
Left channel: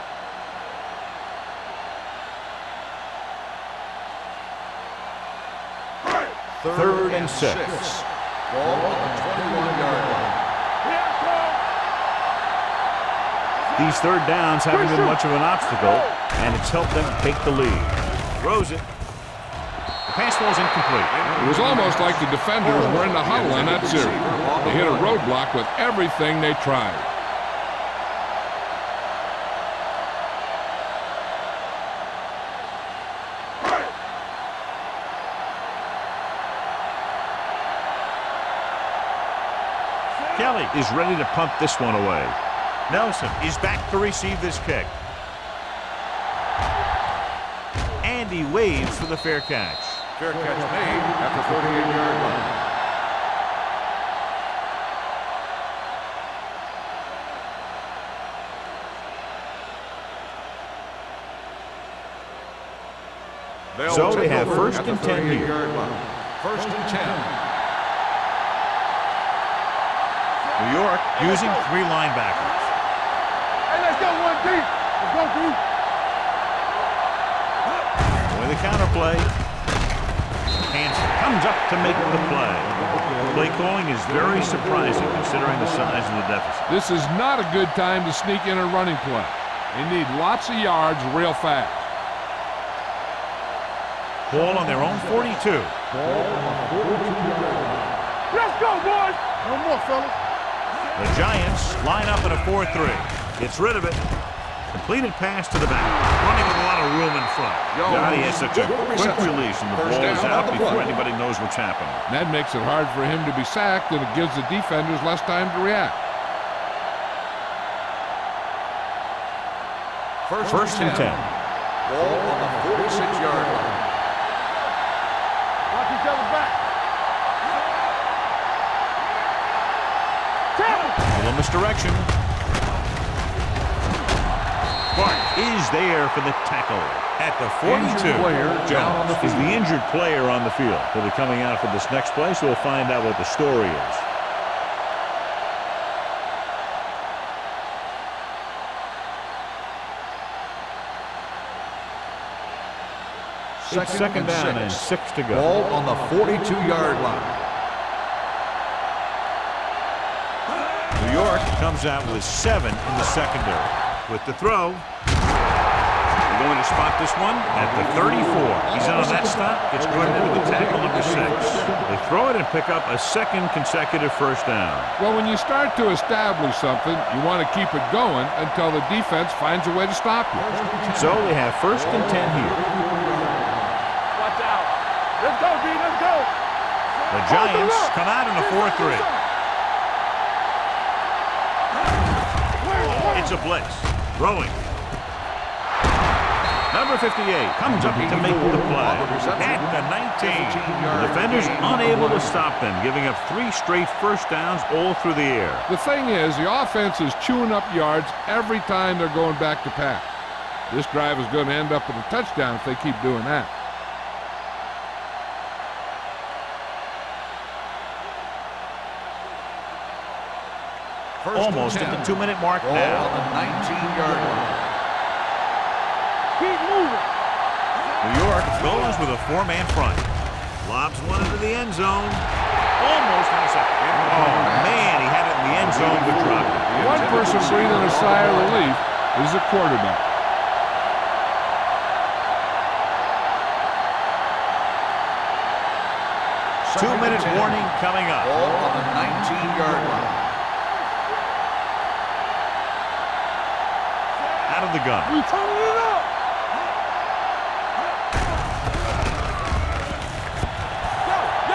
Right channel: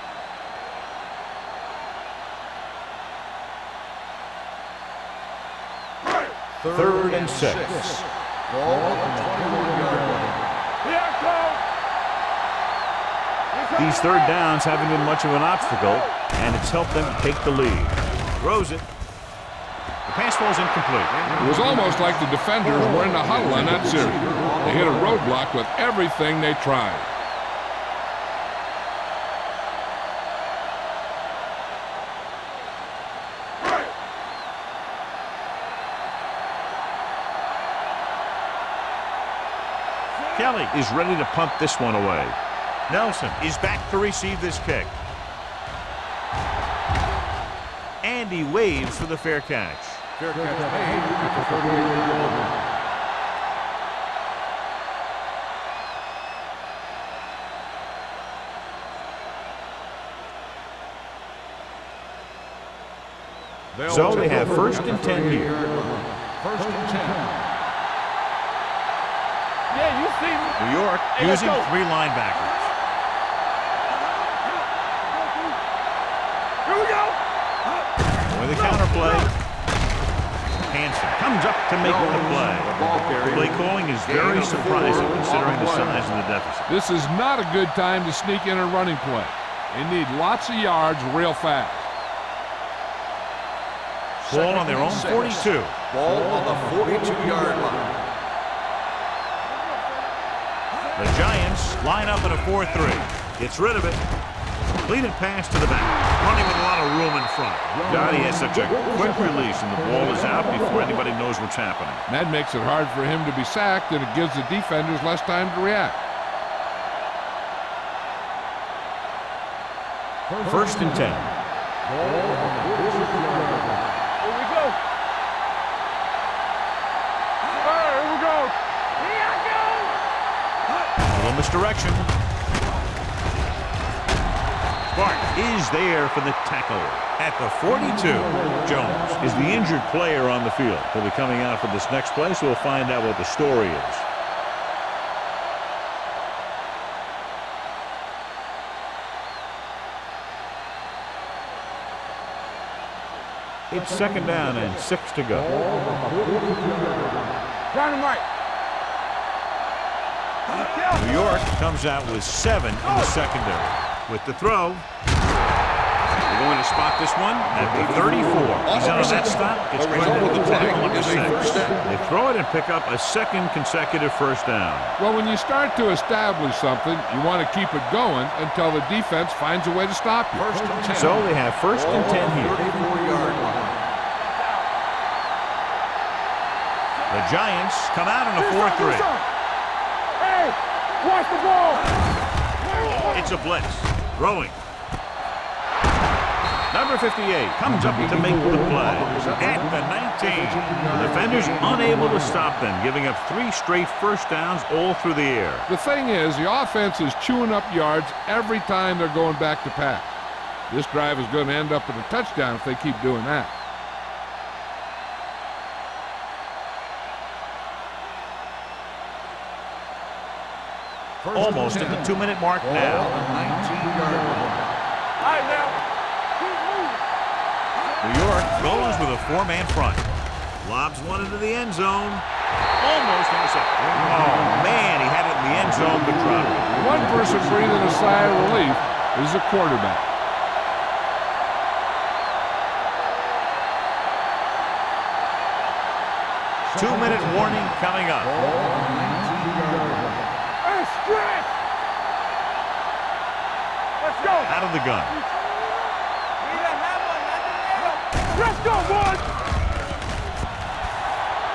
Third and 6. Ball on the 21-yard line. Here I come. These third downs haven't been much of an obstacle, and it's helped them take the lead. Throws it. The pass falls incomplete. It was almost like the defenders were in the huddle on that series. They hit a roadblock with everything they tried. Kelly is ready to punt this one away. Nelson is back to receive this kick. And he waves for the fair catch. Fair catch made at the 38-yard line. So they have first and 10 here. First and 10. New York using 3 linebackers. With the counterplay, Hansen comes up to make the play. Play calling is very surprising considering the size of the deficit. This is not a good time to sneak in a running play. They need lots of yards real fast. Ball on their own 42. Ball on the 42-yard line. Let's go, boys. No more, fellas. The Giants line up in a 4-3. Gets rid of it. Completed pass to the back. Running with a lot of room in front. God, he has such a quick release, and the ball is out before anybody knows what's happening. And that makes it hard for him to be sacked, and it gives the defenders less time to react. First and 10. Ball on the 46-yard line. Here we go. Watch each other back. Here we go. Here I go. Little misdirection. Clark is there for the tackle at the 42. Jones is the injured player on the field. He'll be coming out for this next play, so we'll find out what the story is. It's second down and 6 to go. Ball on the 42-yard line. Dynamite. New York comes out with 7 in the secondary. With the throw, they going to spot this one at the 34. He's in on that stop. Gets credited with the tackle number 6. They throw it and pick up a second consecutive first down. Well, when you start to establish something, you want to keep it going until the defense finds a way to stop you. So they have first and 10 here. Watch out. Let's go, B. Let's go. The Giants come out in a 4-3. Hey, watch the ball. It's a blitz. Throwing. Number 58 comes up to make the play at the 19. The defenders unable to stop them, giving up 3 straight first downs all through the air. The thing is, the offense is chewing up yards every time they're going back to pass. This drive is going to end up with a touchdown if they keep doing that. Almost at the 2-minute mark now. On the 19-yard line. Keep moving. New York goes with a 4-man front. Lobs one into the end zone. Almost intercepted. Oh, man, he had it in the end zone but dropped it. One person breathing a sigh of relief is the quarterback. Two-minute warning coming up. Ball on the 19-yard line. Out of the gun.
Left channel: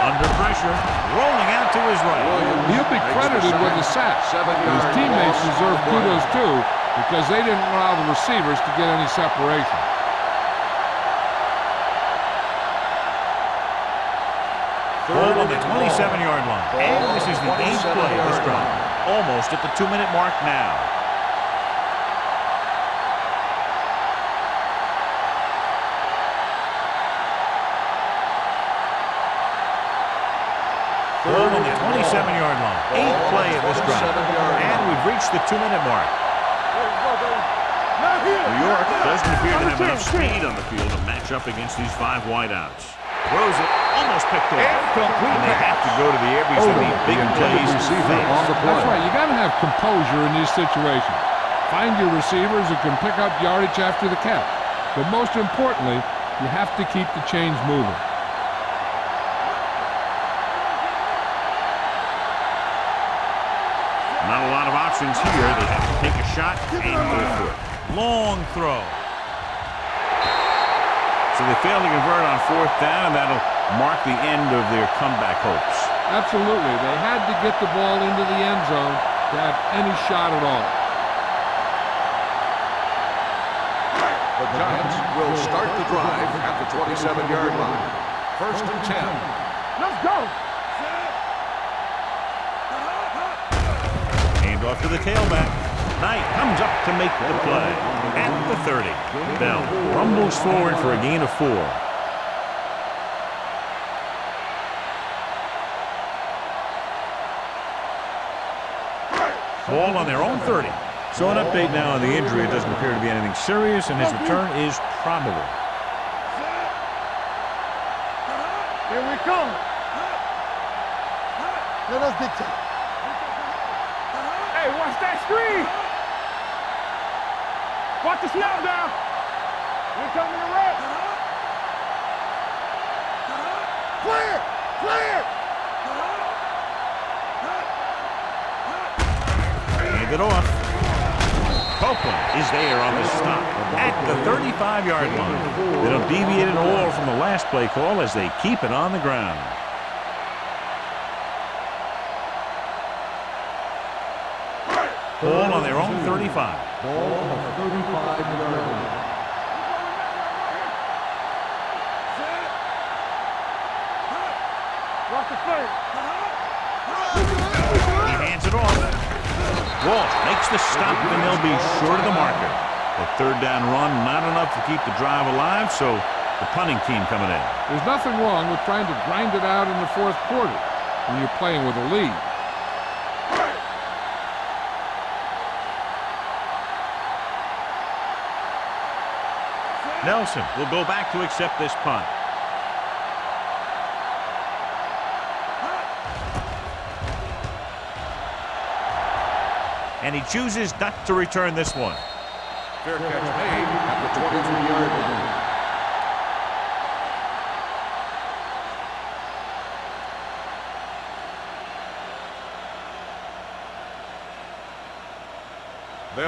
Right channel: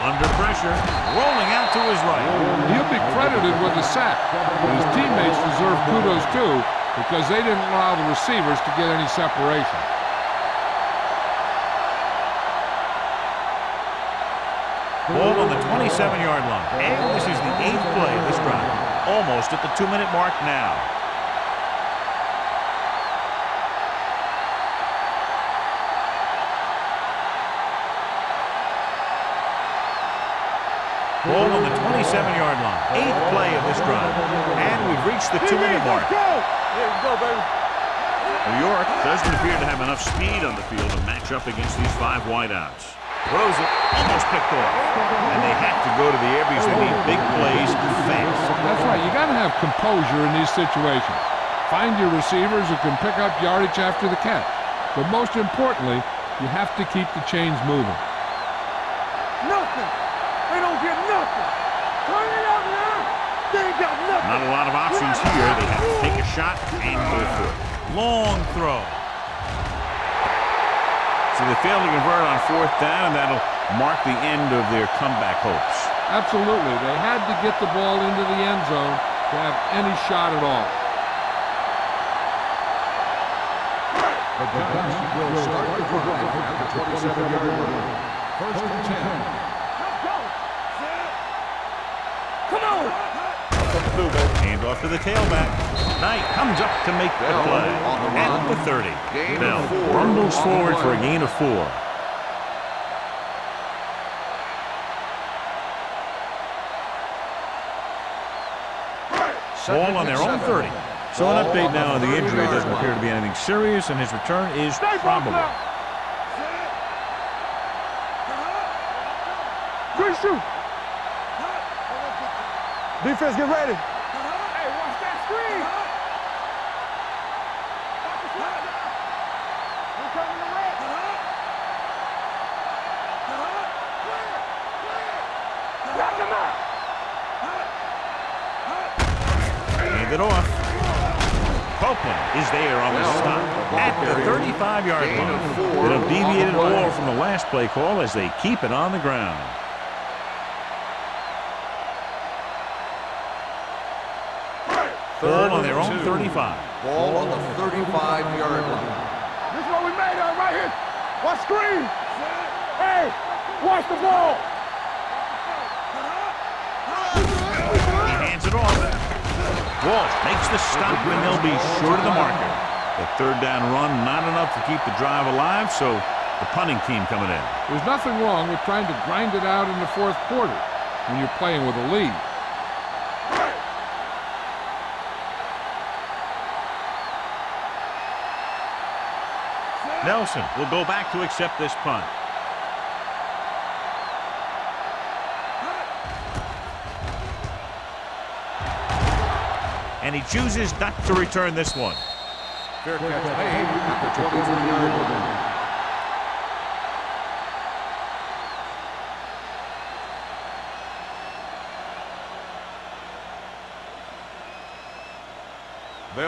Under pressure, rolling out to his right. He'll be credited with the sack. His teammates deserve kudos too because they didn't allow the receivers to get any separation. Ball on the 27-yard line. And this is the 8th play of this drive. Almost at the 2-minute mark now. Ball on the 27-yard line. 8th play of this drive. And we've reached the 2-minute mark. There we go, baby. New York doesn't appear to have enough speed on the field to match up against these 5 wideouts. Throws it, almost picked off. And they have to go to the air because they need big plays fast. That's right. You got to have composure in these situations. Find your receivers who can pick up yardage after the catch. But most importantly, you have to keep the chains moving. Not a lot of options here. They have to take a shot and go for it. Long throw. So they fail to convert on 4th down, and that'll mark the end of their comeback hopes. Absolutely. They had to get the ball into the end zone to have any shot at all. The Giants will start the drive at the 27-yard line. First and 10. Let's go. Come on. Hand off to the tailback. Knight comes up to make the play at the 30. Bell rumbles forward for a gain of 4. Ball on their own 30. So an update now on the injury. It doesn't appear to be anything serious, and his return is probable. Here we come. Good shoot. Now that's big time. Defense, get ready. Hey, watch that screen. Watch the slide down. We're coming to red. Clear. Clear. Hand it off. Copeland is there on the stop at the 35-yard line. They don't deviate at all from the last play call as they keep it on the ground. Ball on their own 35. Ball on the 35-yard line. This is what we made of right here. Watch screen. Hey, watch the ball. Watch the play. He hands it off. Walsh makes the stop, and they'll be short of the marker. The 3rd down run, not enough to keep the drive alive, so the punting team coming in. There's nothing wrong with trying to grind it out in the 4th quarter when you're playing with a lead. Nelson will go back to accept this punt. And he chooses not to return this one. Fair catch made at the 23-yard line.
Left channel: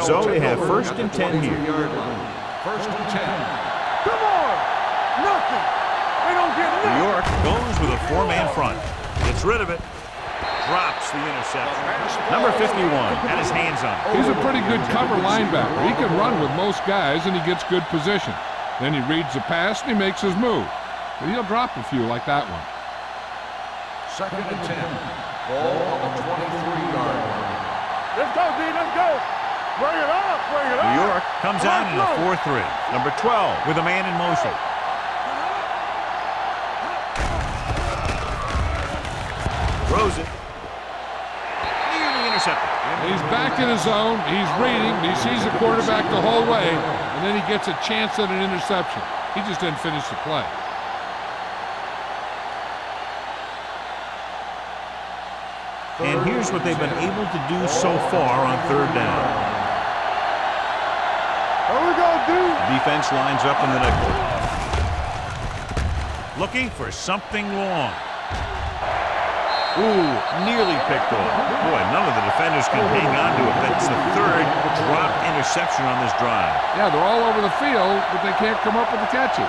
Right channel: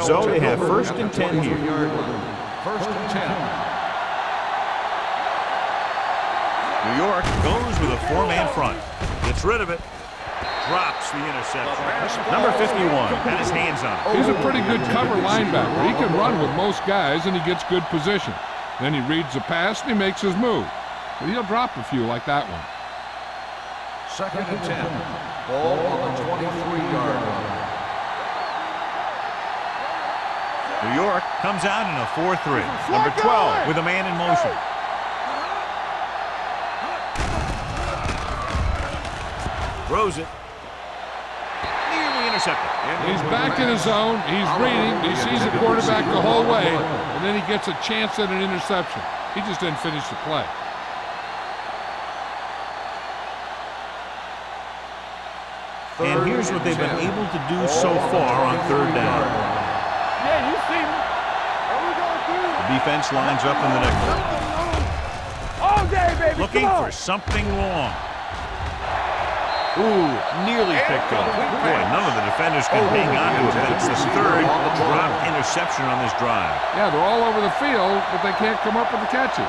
So they have first and 10 here. First and 10. Come on. Nothing. We don't get it. New York goes with a four-man front. Gets rid of it. Drops the interception. Number 51 had his hands on it. He's a pretty good cover linebacker. He can run with most guys, and he gets good position. Then he reads the pass, and he makes his move. But he'll drop a few like that one. Second and 10. Ball on the 23-yard line. Let's go, D. Let's go. Bring it up. Bring it up. New York comes out in a 4-3. Number 12 with a man in motion. Throws it. Nearly intercepted. He's back in his zone. He's reading. He sees the quarterback the whole way, and then he gets a chance at an interception. He just didn't finish the play. And here's what they've been able to do so far on third down. Yeah, you see him. There we go, dude. The defense lines up in the nickel. All day, baby. Looking for something long. Ooh, nearly picked off. Boy, none of the defenders can hang on to it. That's the third dropped interception on this drive. Yeah, they're all over the field, but they can't come up with the catches.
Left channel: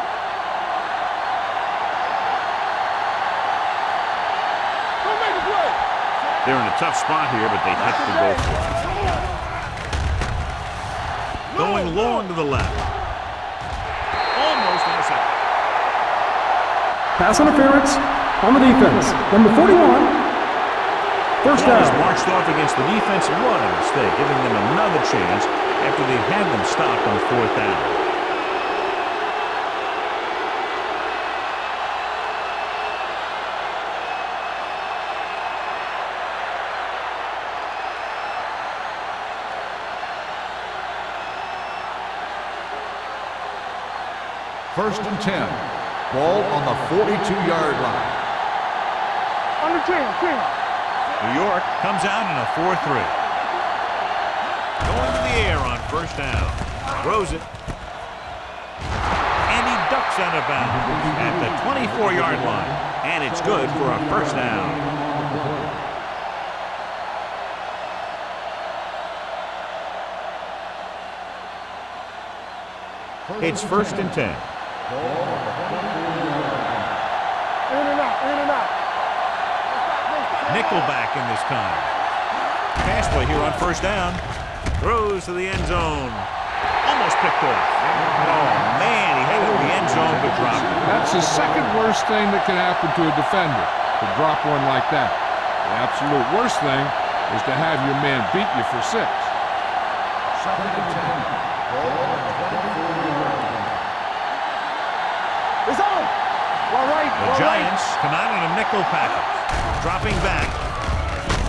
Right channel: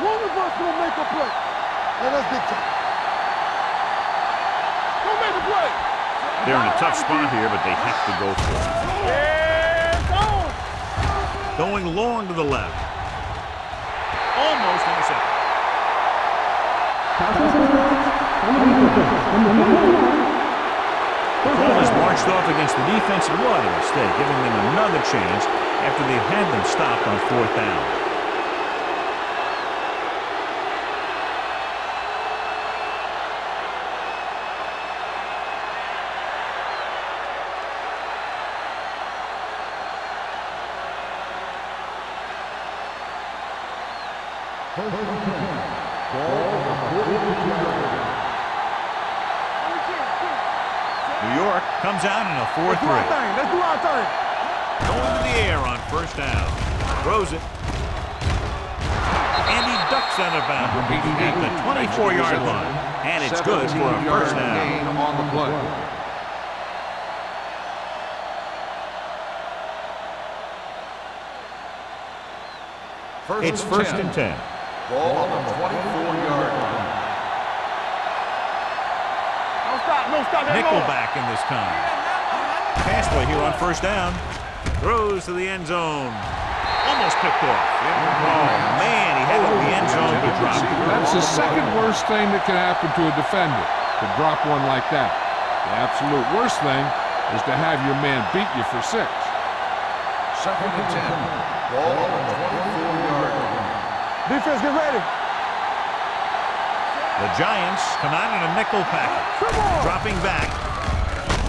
One of us will make a play. Let us get to it. Don't make a play. They're in a tough spot here, but they have to go for it. Going long to the left. Almost intercepted. Pass interference on the defense. Number 41. First Ball is down. marched off against the defense. What a mistake, giving them another chance after they've had them stopped on fourth down. First and 10. Ball on the 42-yard line. Under 10. New York comes out in a 4-3. Let's do our thing. Going to the air on first down. Throws it. And he ducks out of bounds at the 24-yard line. And it's good for a first down. On the play. It's first and 10. Ball on the 24-yard line. In and out. In and out. No stop. Nickelback in this time. Pass play here on first down. Throws to the end zone. Almost picked off. Oh, man, he had it in the end zone, but dropped it. That's the second worst thing that can happen to a defender, to drop one like that. The absolute worst thing is to have your man beat you for 6. Second and 10. Ball on the 24-yard line. Defense, get ready. It's on. All right. The Giants come out in a nickel package. Dropping back.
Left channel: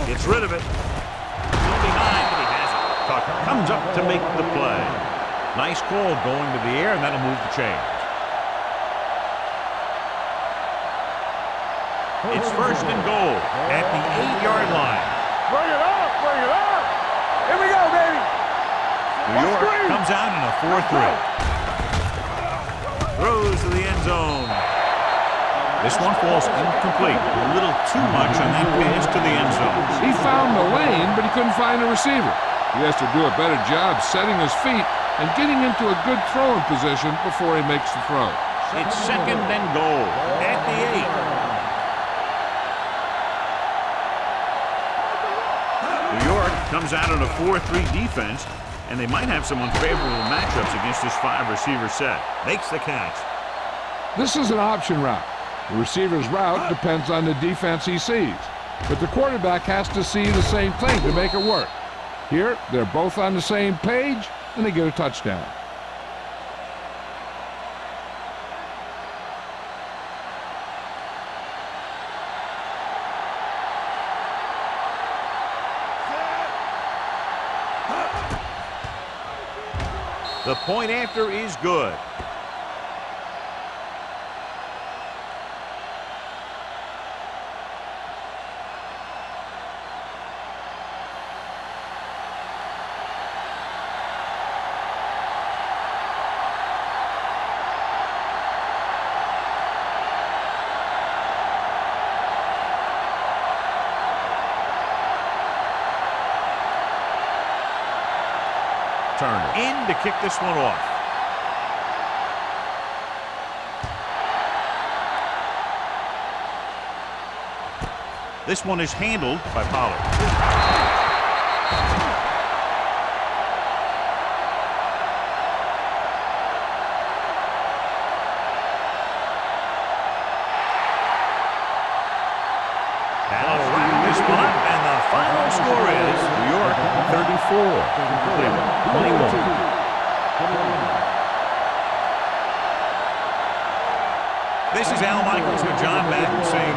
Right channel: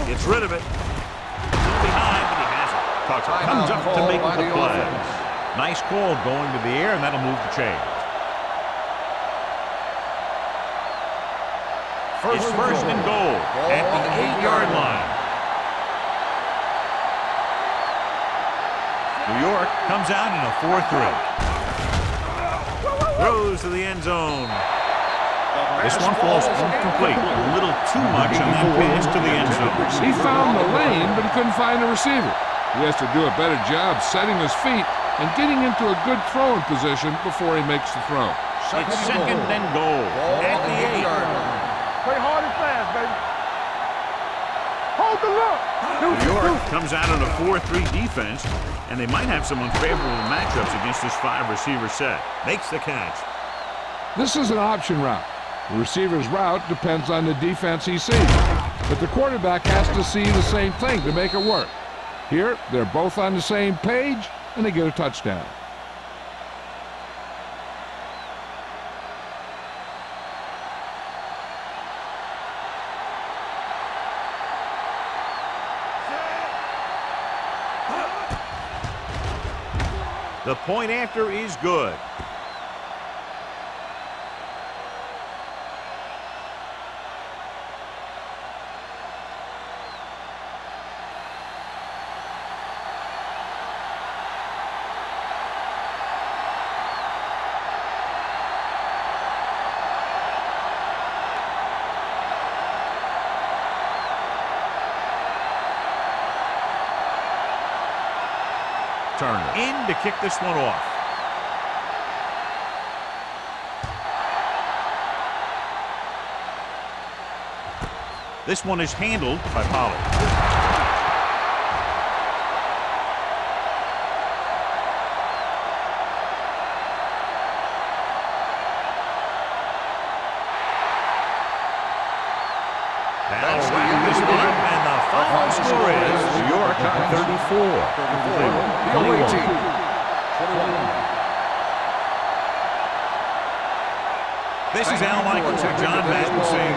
Gets rid of it. Still behind, but he has it. Tucker comes up to make the play. Nice call going to the air, and that'll move the chains. It's first and goal at the 8-yard line. Bring it up. Bring it up. Here we go, baby. New York comes out in a 4-3. Throws to the end zone. This one falls incomplete. A little too much on that pass to the end zone. He found the lane, but he couldn't find a receiver. He has to do a better job setting his feet and getting into a good throwing position before he makes the throw. It's second and goal at the 8. Play hard and fast, baby. Hold the look. New York comes out in a 4-3 defense, and they might have some unfavorable matchups against this 5-receiver set. Makes the catch. This is an option route. The receiver's route depends on the defense he sees, but the quarterback has to see the same thing to make it work. Here, they're both on the same page, and they get a touchdown. The point after is good. Turner in to kick this one off. This one is handled by Pollard. That'll wrap this one up, and the final score is New York 34, Cleveland 21. This is Al Michaels with John Madden saying